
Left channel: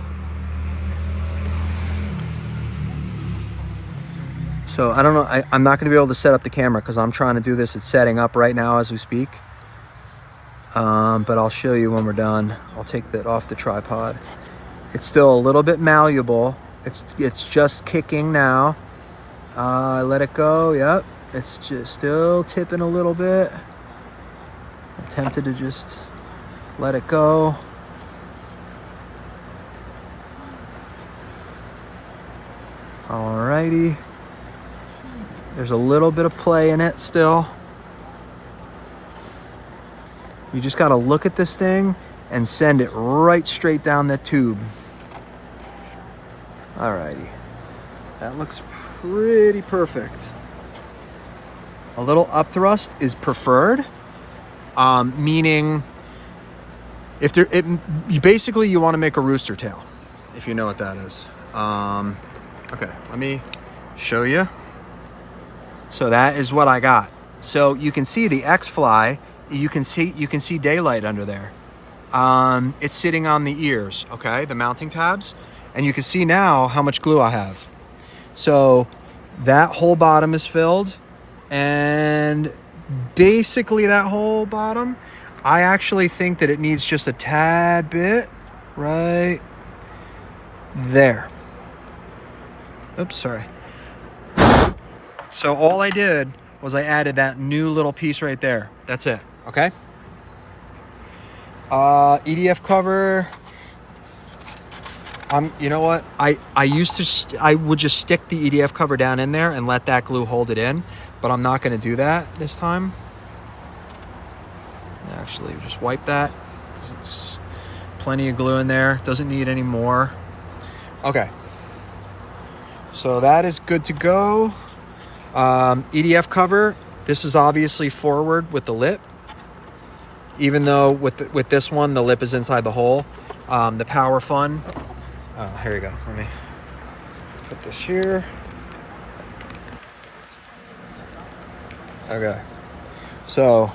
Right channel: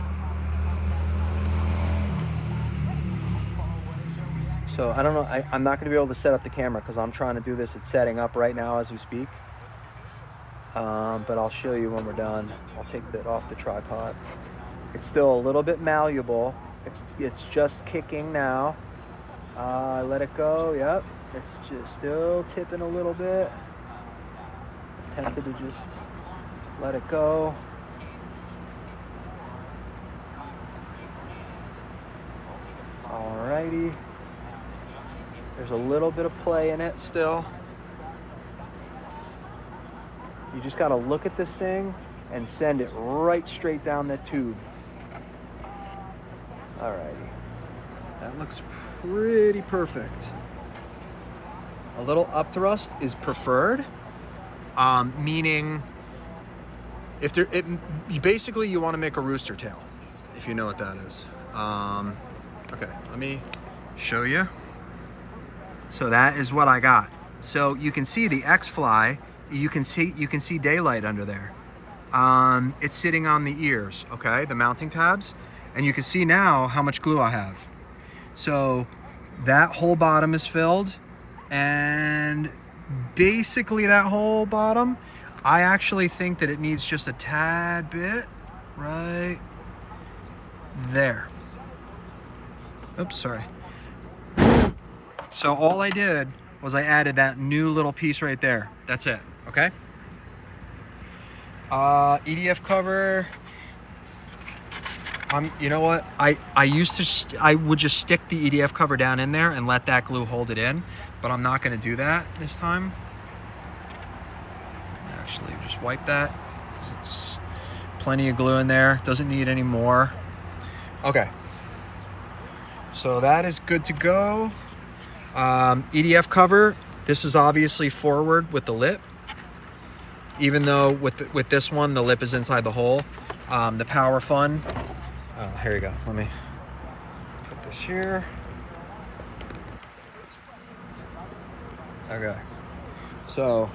So I don't know, I'm not going to be able to set up the camera because I'm trying to do this. It's setting up right now as we speak. But I'll show you when we're done. I'll take that off the tripod. It's still a little bit malleable. It's just kicking now. I let it go. Yep. It's just still tipping a little bit. I'm tempted to just let it go. Alrighty. There's a little bit of play in it still. You just gotta look at this thing and send it right straight down the tube. Alrighty, that looks pretty perfect. A little up thrust is preferred, meaning if there, you want to make a rooster tail, if you know what that is. Okay, let me show you. So that is what I got. So you can see the X-Fly. You can see daylight under there. It's sitting on the ears, okay, the mounting tabs, and you can see now how much glue I have. So that whole bottom is filled, and basically that whole bottom, I actually think that it needs just a tad bit right there. Oops, sorry. So all I did was I added that new little piece right there. That's it, okay? EDF cover. You know what? I would just stick the EDF cover down in there and let that glue hold it in, but I'm not gonna do that this time. Actually, just wipe that because it's plenty of glue in there. Doesn't need any more. Okay. So that is good to go. EDF cover. This is obviously forward with the lip, even though with this one the lip is inside the hole. The Power Fun. Here you go. Let me put this here. Okay. So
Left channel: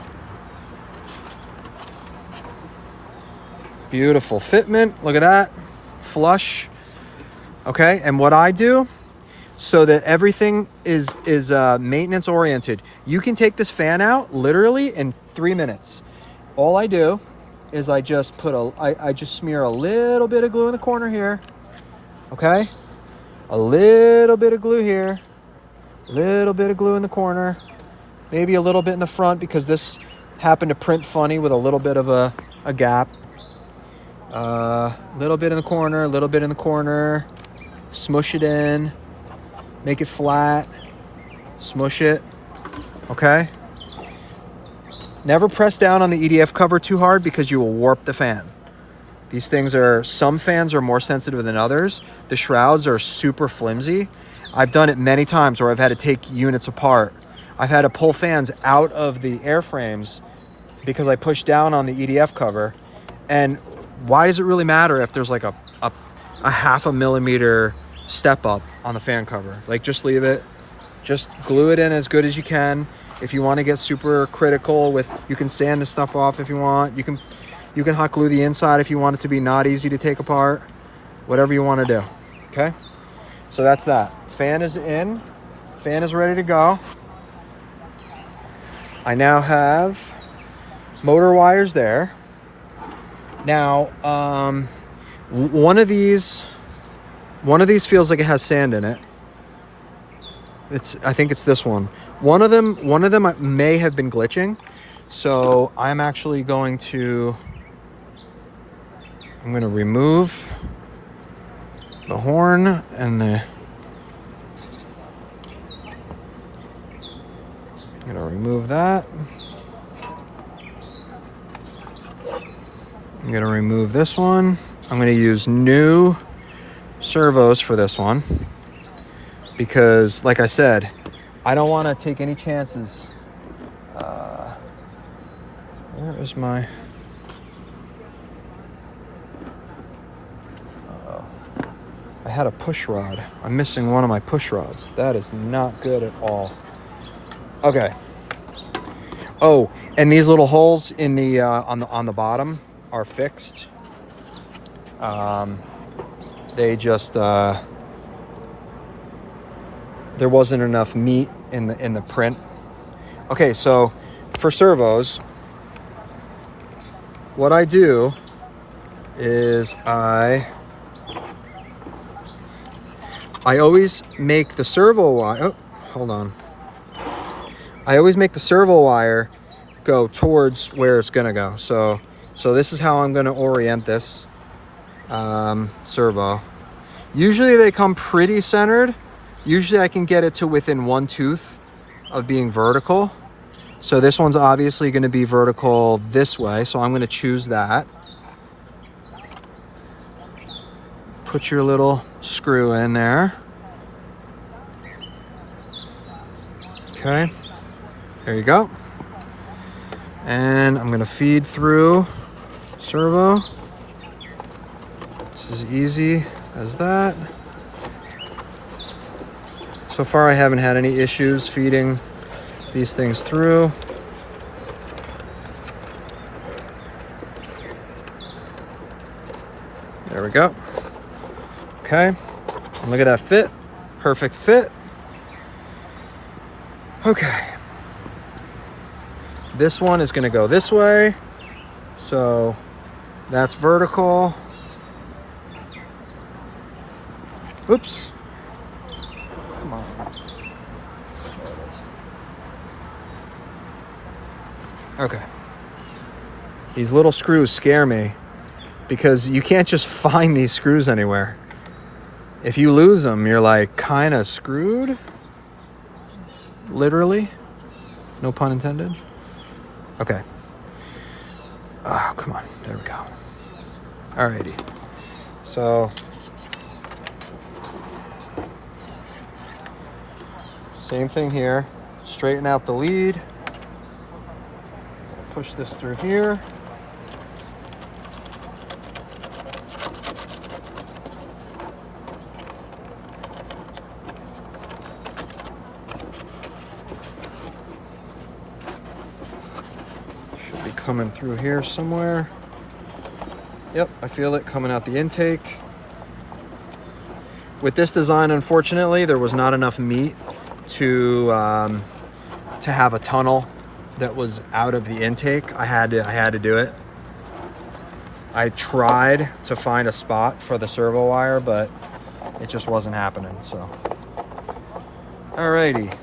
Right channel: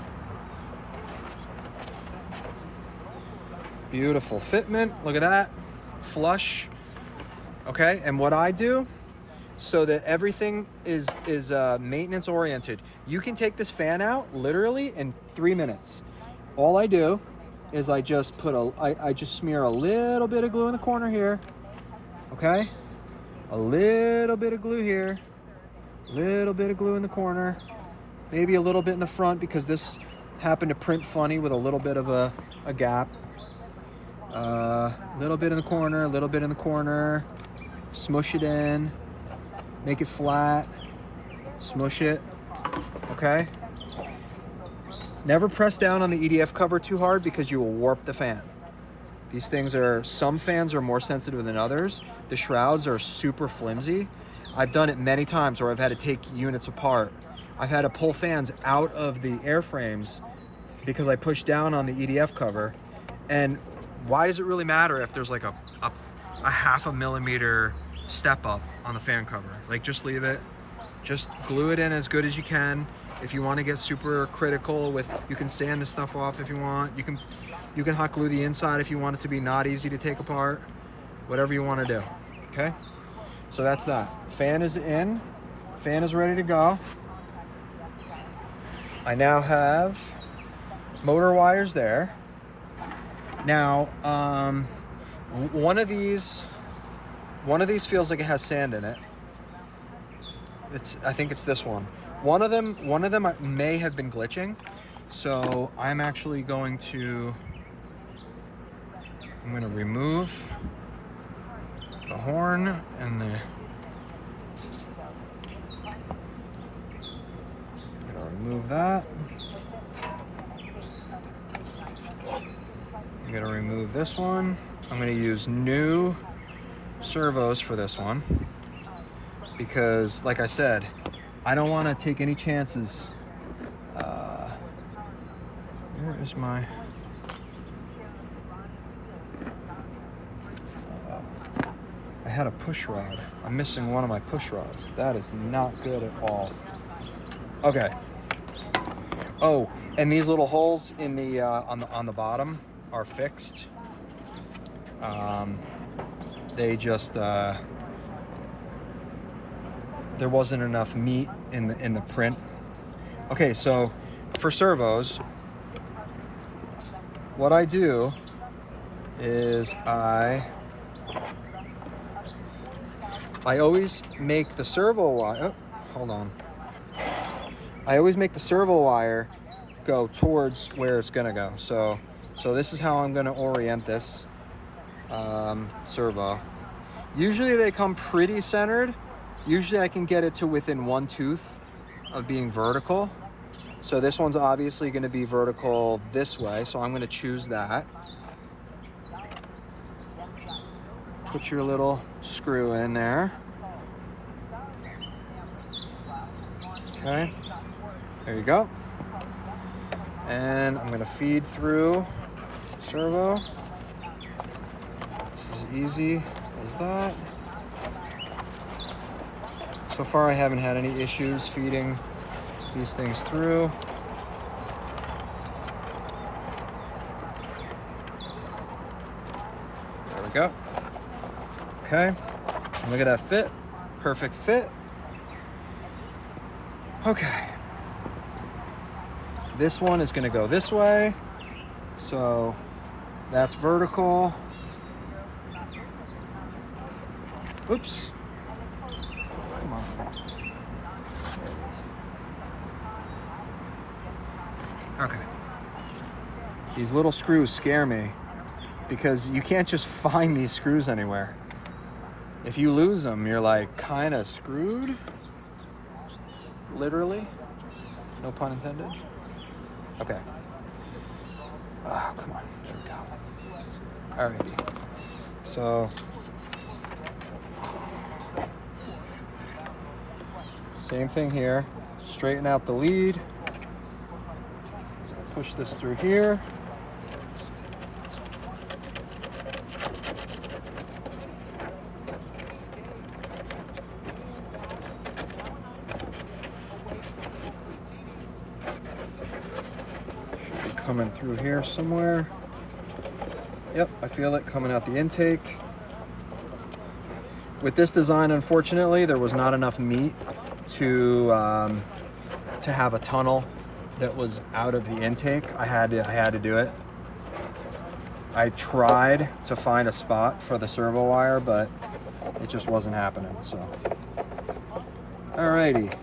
beautiful fitment. Look at that. Flush. Okay. And what I do, so that everything is maintenance oriented, you can take this fan out literally in 3 minutes. All I do is I just I just smear a little bit of glue in the corner here. Okay, a little bit of glue here, a little bit of glue in the corner, maybe a little bit in the front because this happened to print funny with a little bit of a gap. Little bit in the corner, a little bit in the corner. Smush it in, make it flat, smush it. Okay. Never press down on the EDF cover too hard because you will warp the fan. These things some fans are more sensitive than others. The shrouds are super flimsy. I've done it many times where I've had to take units apart. I've had to pull fans out of the airframes because I pushed down on the EDF cover. And why does it really matter if there's like a 0.5 millimeter step up on the fan cover? Like, just leave it. Just glue it in as good as you can. If you want to get super critical you can sand the stuff off if you want. You can hot glue the inside if you want it to be not easy to take apart. Whatever you want to do, okay? So that's that. Fan is in. Fan is ready to go. I now have motor wires there. Now, one of these feels like it has sand in it. I think it's this one. One of them may have been glitching. So I'm actually going to remove the horn and I'm gonna remove that. I'm gonna remove this one. I'm gonna use new servos for this one because, like I said, I don't want to take any chances. Where is my... Uh-oh. I had a push rod. I'm missing one of my push rods. That is not good at all. Okay. Oh, and these little holes in the on the bottom are fixed. They just there wasn't enough meat in the print. Okay, so for servos, what I do is I always make the servo wire. Oh, hold on. I always make the servo wire go towards where it's gonna go. So this is how I'm gonna orient this servo. Usually they come pretty centered. Usually I can get it to within one tooth of being vertical. So this one's obviously going to be vertical this way, so I'm going to choose that. Put your little screw in there. Okay, there you go. And I'm going to feed through servo. This is easy as that. So far I haven't had any issues feeding these things through. There we go. Okay, look at that fit. Perfect fit. Okay. This one is gonna go this way. So that's vertical. Oops. Come on. There it is. Okay. These little screws scare me because you can't just find these screws anywhere. If you lose them, you're like kind of screwed. Literally. No pun intended. Okay. Oh, come on. There we go. Alrighty. So same thing here. Straighten out the lead. Push this through here. Should be coming through here somewhere. Yep, I feel it coming out the intake. With this design, unfortunately, there was not enough meat to have a tunnel that was out of the intake. I had to do it. I tried to find a spot for the servo wire, but it just wasn't happening. So, alrighty,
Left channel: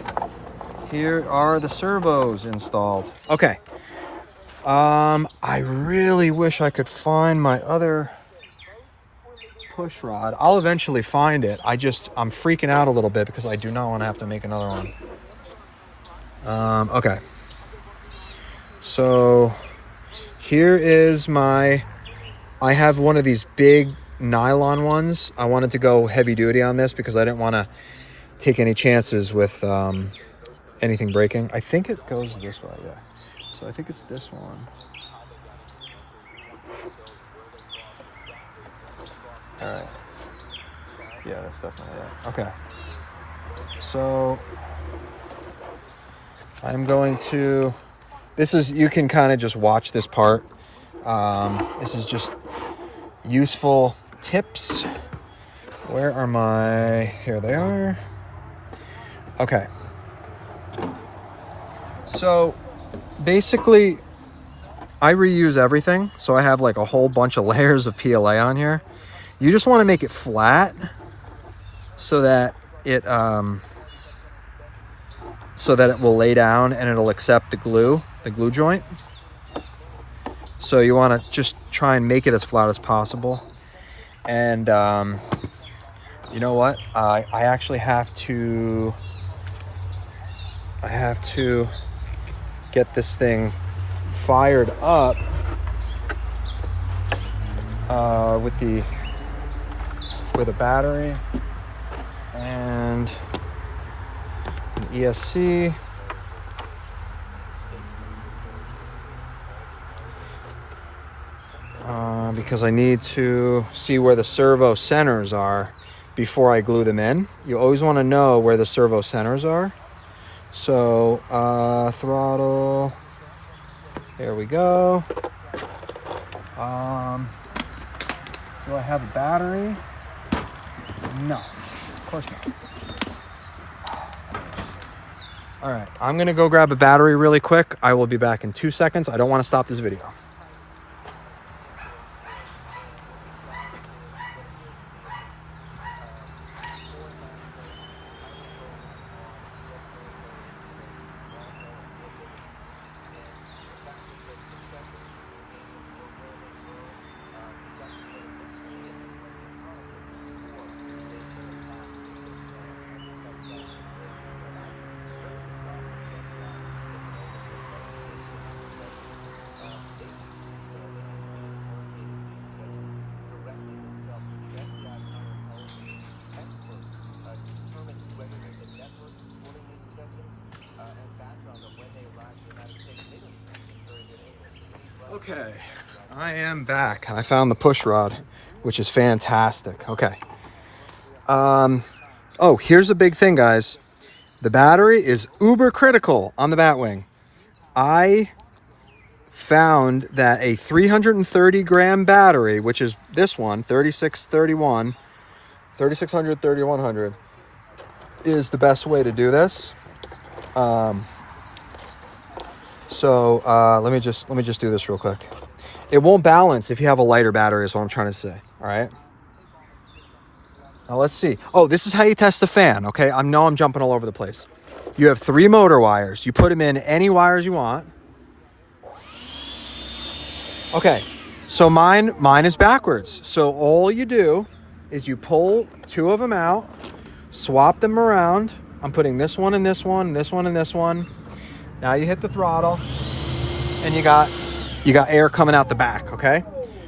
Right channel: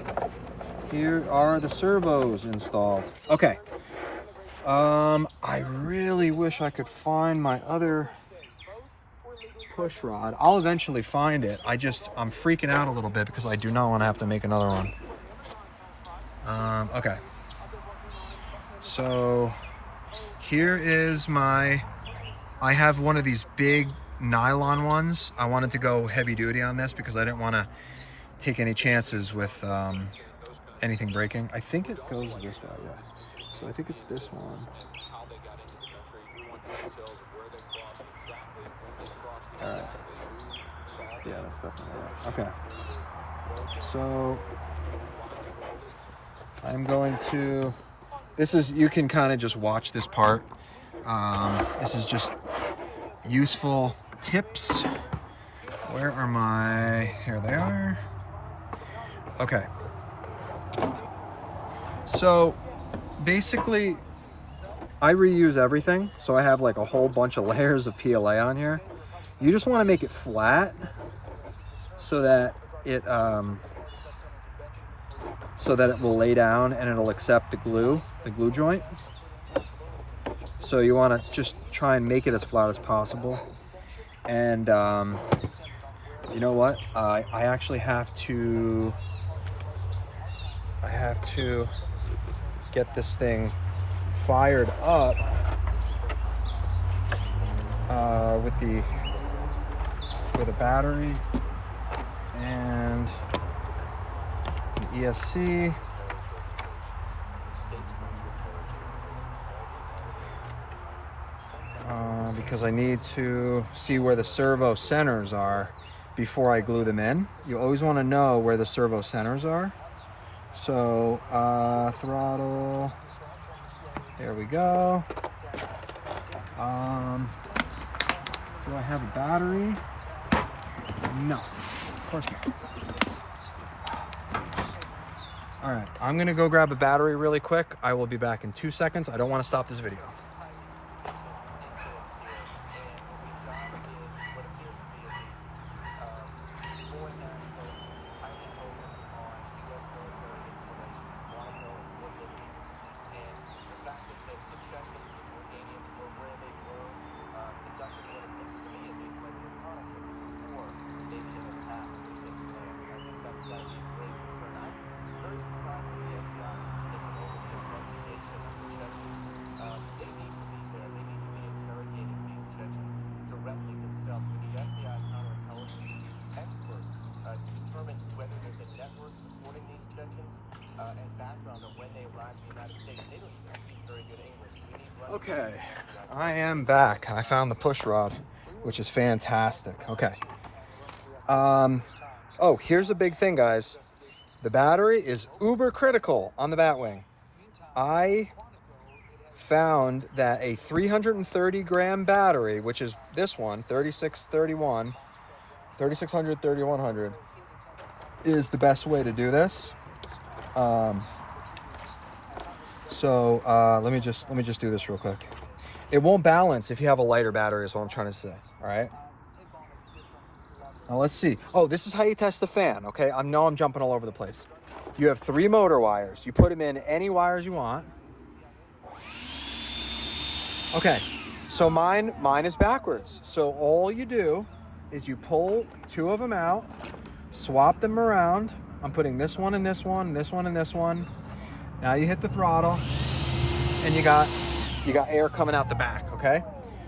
here are the servos installed. Okay. I really wish I could find my other push rod. I'll eventually find it. I'm freaking out a little bit because I do not want to have to make another one. Okay. So here is I have one of these big nylon ones. I wanted to go heavy duty on this because I didn't want to take any chances with anything breaking. I think it goes this way, yeah. So I think it's this one. All right. Yeah, that's definitely it. Okay. So I'm going to, you can kind of just watch this part. This is just useful tips. Where are here they are. Okay. So basically I reuse everything. So I have like a whole bunch of layers of PLA on here. You just want to make it flat so that it will lay down and it'll accept the glue joint. So you want to just try and make it as flat as possible. And you know what? I actually have to get this thing fired up with a battery and an ESC. Because I need to see where the servo centers are before I glue them in. You always want to know where the servo centers are. So throttle, there we go. Do I have a battery? No, of course not. All right, I'm gonna go grab a battery really quick. I will be back in 2 seconds. I don't want to stop this video. Okay, I am back. I found the push rod, which is fantastic. Okay. Oh, here's a big thing, guys. The battery is uber critical on the Batwing. I found that a 330 gram battery, which is this one, 3631, 3600, 3100, is the best way to do this. Let me just do this real quick. It won't balance if you have a lighter battery, is what I'm trying to say. All right. Now let's see. Oh, this is how you test the fan. Okay, I'm jumping all over the place. You have 3 motor wires. You put them in any wires you want. Okay, so mine is backwards. So all you do is you pull 2 of them out, swap them around. I'm putting this one and this one, this one and this one. Now you hit the throttle, and you got air coming out the back. Okay,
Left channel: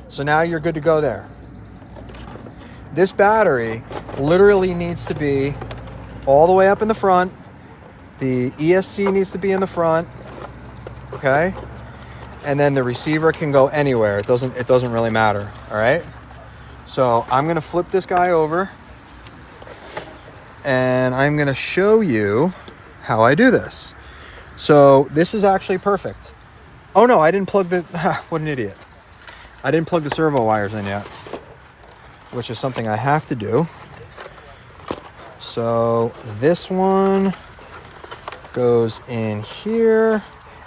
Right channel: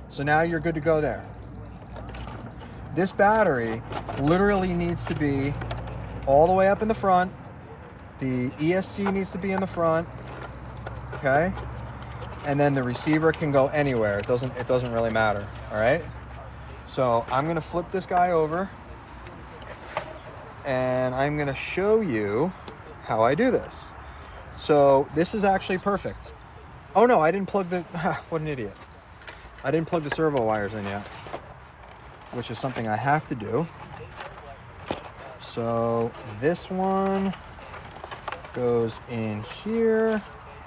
so now you're good to go there. This battery literally needs to be all the way up in the front. The ESC needs to be in the front. Okay. And then the receiver can go anywhere. It doesn't really matter. All right. So I'm going to flip this guy over, and I'm going to show you how I do this. So this is actually perfect. Oh no, I didn't plug the, what an idiot. I didn't plug the servo wires in yet, which is something I have to do. So this one goes in here,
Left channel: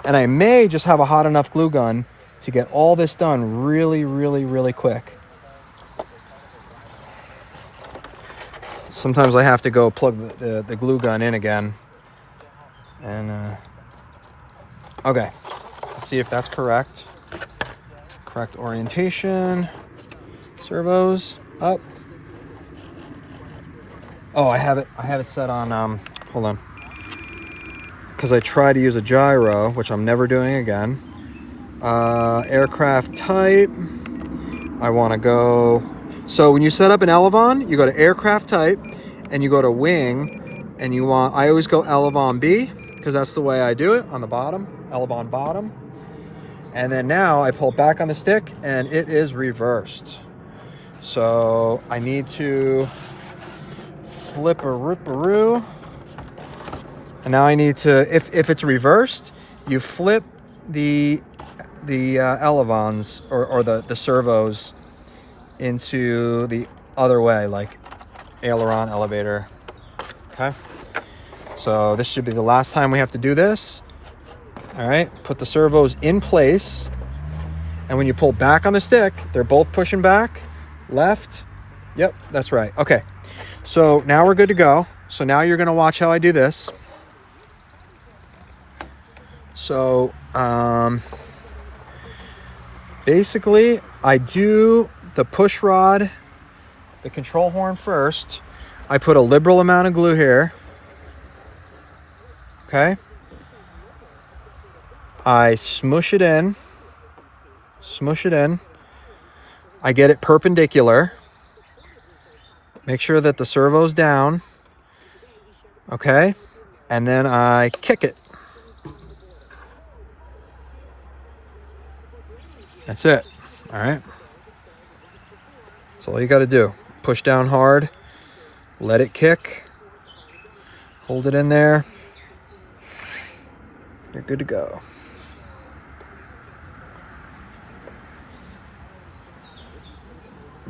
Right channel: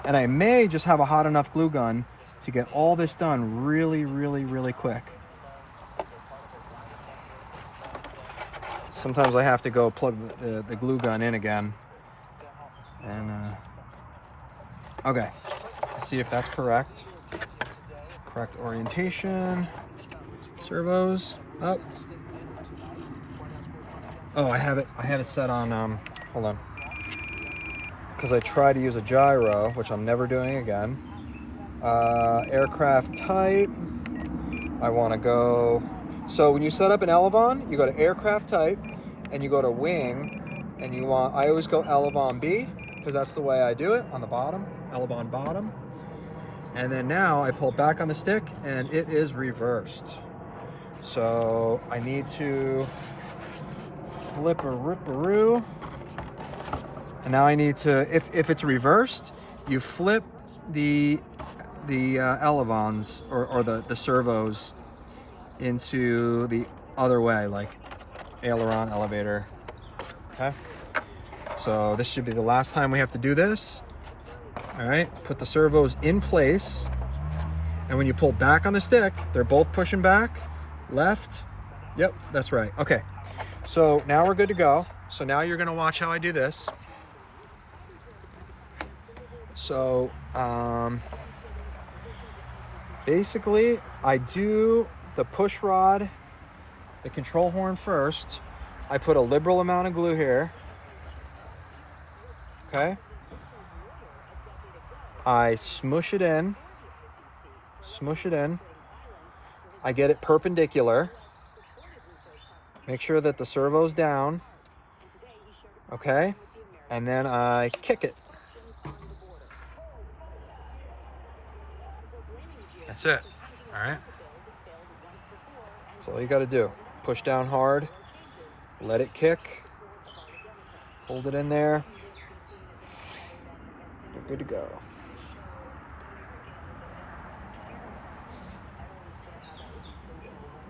and I may just have a hot enough glue gun to get all this done really, really, really quick. Sometimes I have to go plug the glue gun in again. And, okay, let's see if that's correct. Correct orientation. Servos up. Oh, I have it set on, hold on. Because I try to use a gyro, which I'm never doing again. Aircraft type. I want to go. So when you set up an Elevon, you go to aircraft type, and you go to wing, and I always go Elevon B, because that's the way I do it on the bottom, Elevon bottom. And then now I pull back on the stick, and it is reversed. So I need to flip a ripperoo. And now I need to, if it's reversed, you flip the Elevons or the servos into the other way, like aileron, elevator. Okay. So this should be the last time we have to do this. All right. Put the servos in place. And when you pull back on the stick, they're both pushing back. Left. Yep, that's right. Okay. So now we're good to go. So now you're going to watch how I do this. So basically I do the push rod, the control horn first. I put a liberal amount of glue here. Okay. I smush it in. I get it perpendicular. Make sure that the servo's down. Okay. And then I kick it. That's it. All right. That's all you got to do. Push down hard. Let it kick. Hold it in there. You're good to go.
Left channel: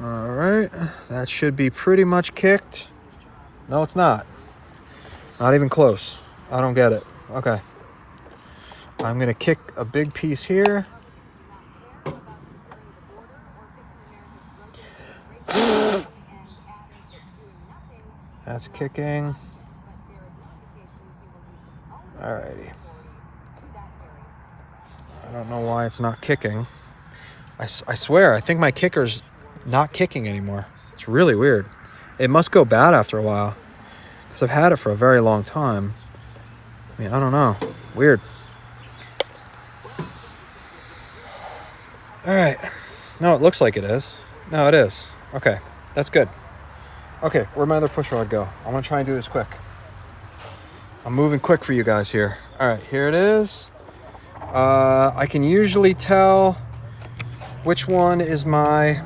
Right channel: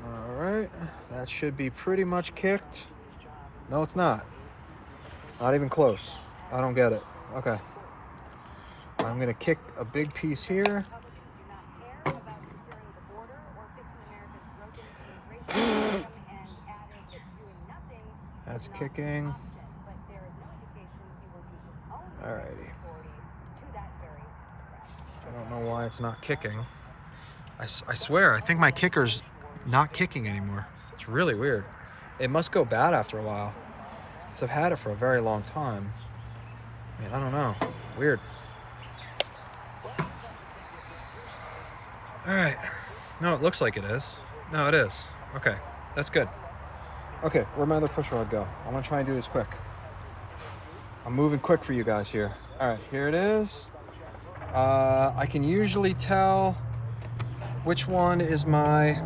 All right. That should be pretty much kicked. No, it's not. Not even close. I don't get it. Okay. I'm going to kick a big piece here. That's kicking. Alrighty. I don't know why it's not kicking. I swear, I think my kicker's not kicking anymore. It's really weird. It must go bad after a while, because I've had it for a very long time. I mean, I don't know. Weird. Alright. No, it looks like it is. No, it is. Okay, that's good. Okay, where'd my other push rod go? I want to try and do this quick. I'm moving quick for you guys here. All right, here it is. I can usually tell which one is my...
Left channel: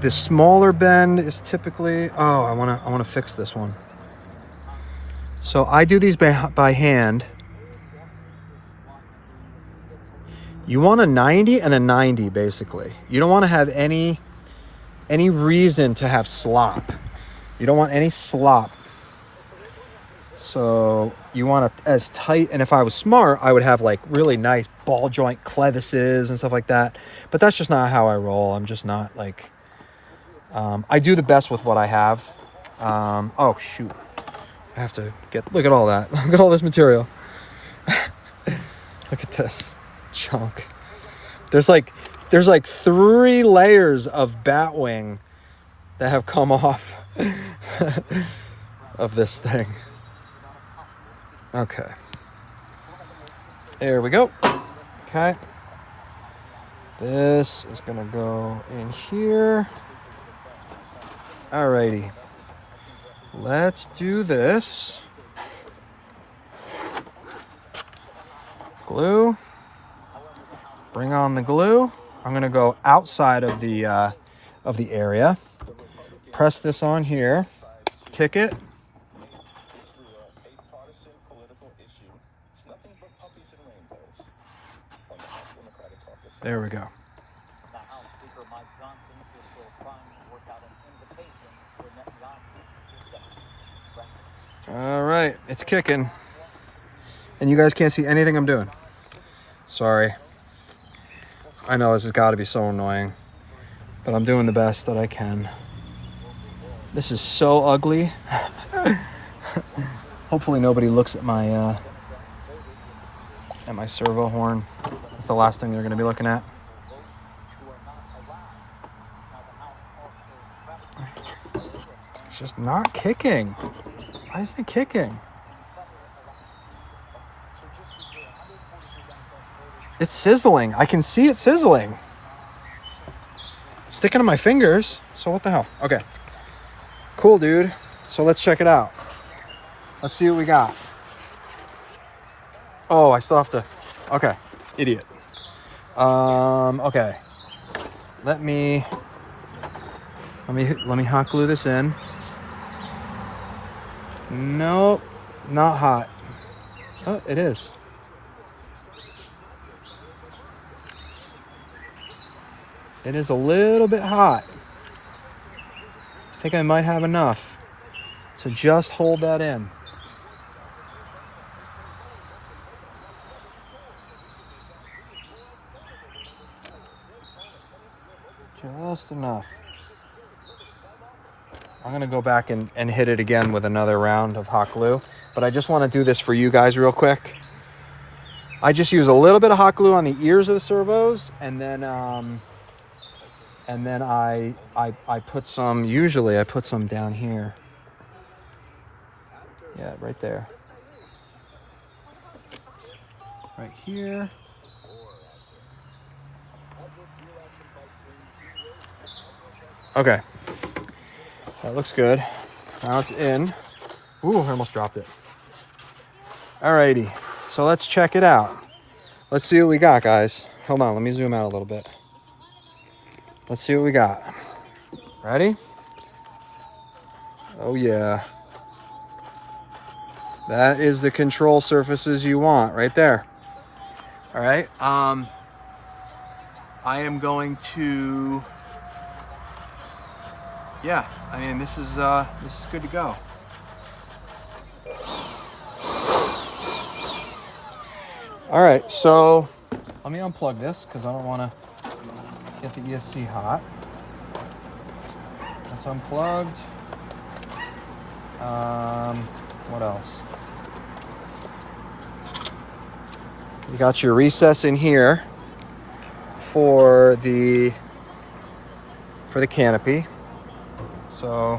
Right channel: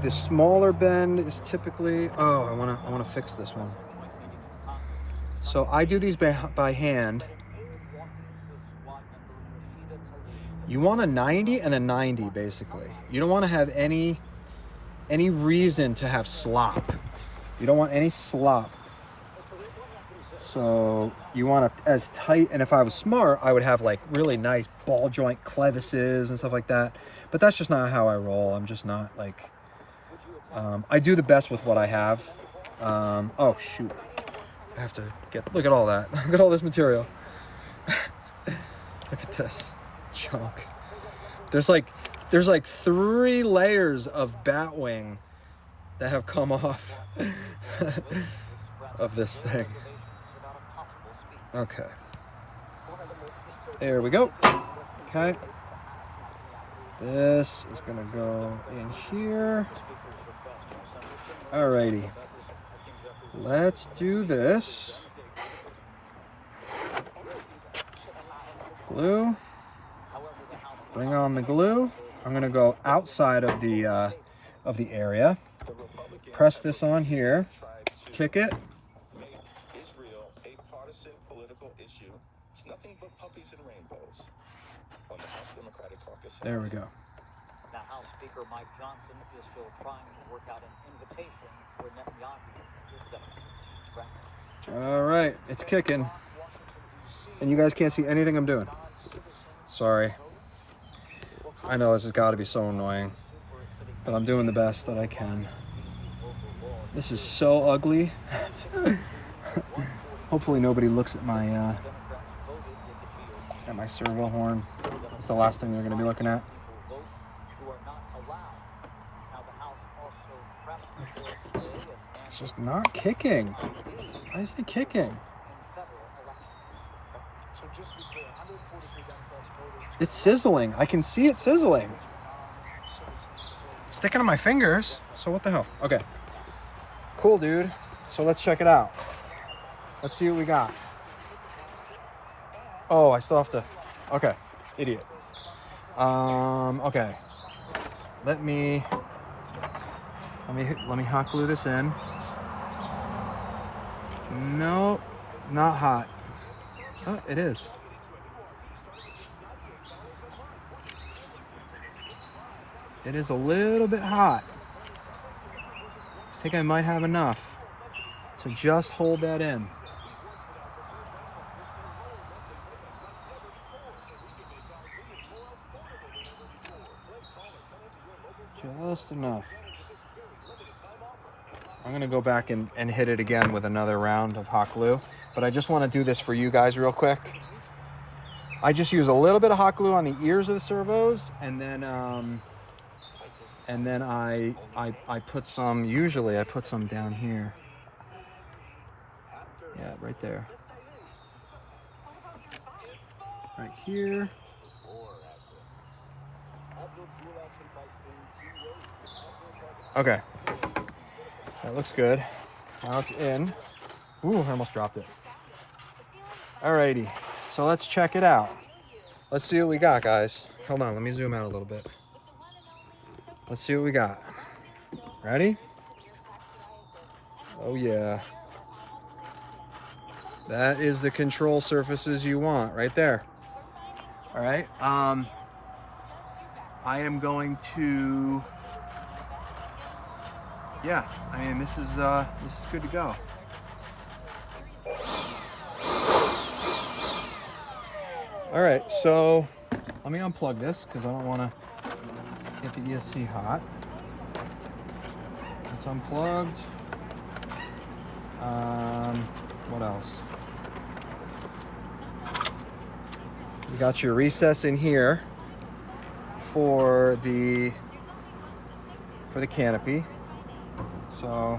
The smaller bend is typically... Oh, I wanna fix this one. So I do these by hand. You want a 90 and a 90, basically. You don't want to have any reason to have slop. You don't want any slop. So you want it as tight, and if I was smart, I would have like really nice ball joint clevises and stuff like that. But that's just not how I roll. I'm just not like... I do the best with what I have. Oh, shoot. I have to get... Look at all that. Look at all this material. Look at this chunk. There's like 3 layers of Batwing that have come off of this thing. Okay. There we go. Okay. This is gonna go in here. Alrighty. Let's do this. Glue. Bring on the glue. I'm gonna go outside of the area. Press this on here. Kick it. There we go. All right, it's kicking. And you guys can't see anything I'm doing. Sorry. I know this has got to be so annoying, but I'm doing the best that I can. This is so ugly. Hopefully nobody looks at my servo horn. It's the last thing they're going to be looking at. It's just not kicking. Why isn't it kicking? It's sizzling. I can see it sizzling. It's sticking to my fingers. So what the hell? Okay. Cool, dude. So let's check it out. Let's see what we got. Oh, I still have to... Okay. Idiot. Okay. Let me hot glue this in. Nope. Not hot. Oh, it is. It is a little bit hot. I think I might have enough. So just hold that in. Just enough. I'm gonna go back and hit it again with another round of hot glue, but I just wanna do this for you guys real quick. I just use a little bit of hot glue on the ears of the servos, and then I put some, usually I put some down here. Yeah, right there. Right here. Okay. That looks good. Now it's in. Ooh, I almost dropped it. Alrighty. So let's check it out. Let's see what we got, guys. Hold on, let me zoom out a little bit. Let's see what we got. Ready? Oh yeah. That is the control surfaces you want right there. All right. I am going to... Yeah, I mean, this is good to go. All right, so let me unplug this because I don't want to get the ESC hot. That's unplugged. What else? You got your recess in here for the canopy. So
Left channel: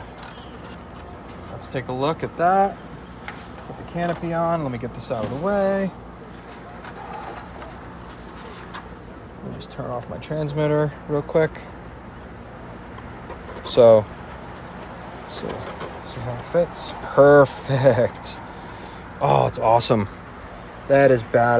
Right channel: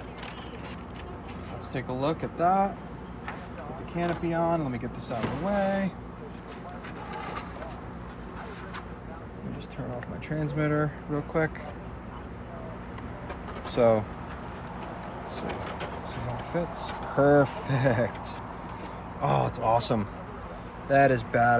let's take a look at that. Put the canopy on. Let me get this out of the way. Let me just turn off my transmitter real quick. So, let's see how it fits. Perfect. Oh, it's awesome. That is bad.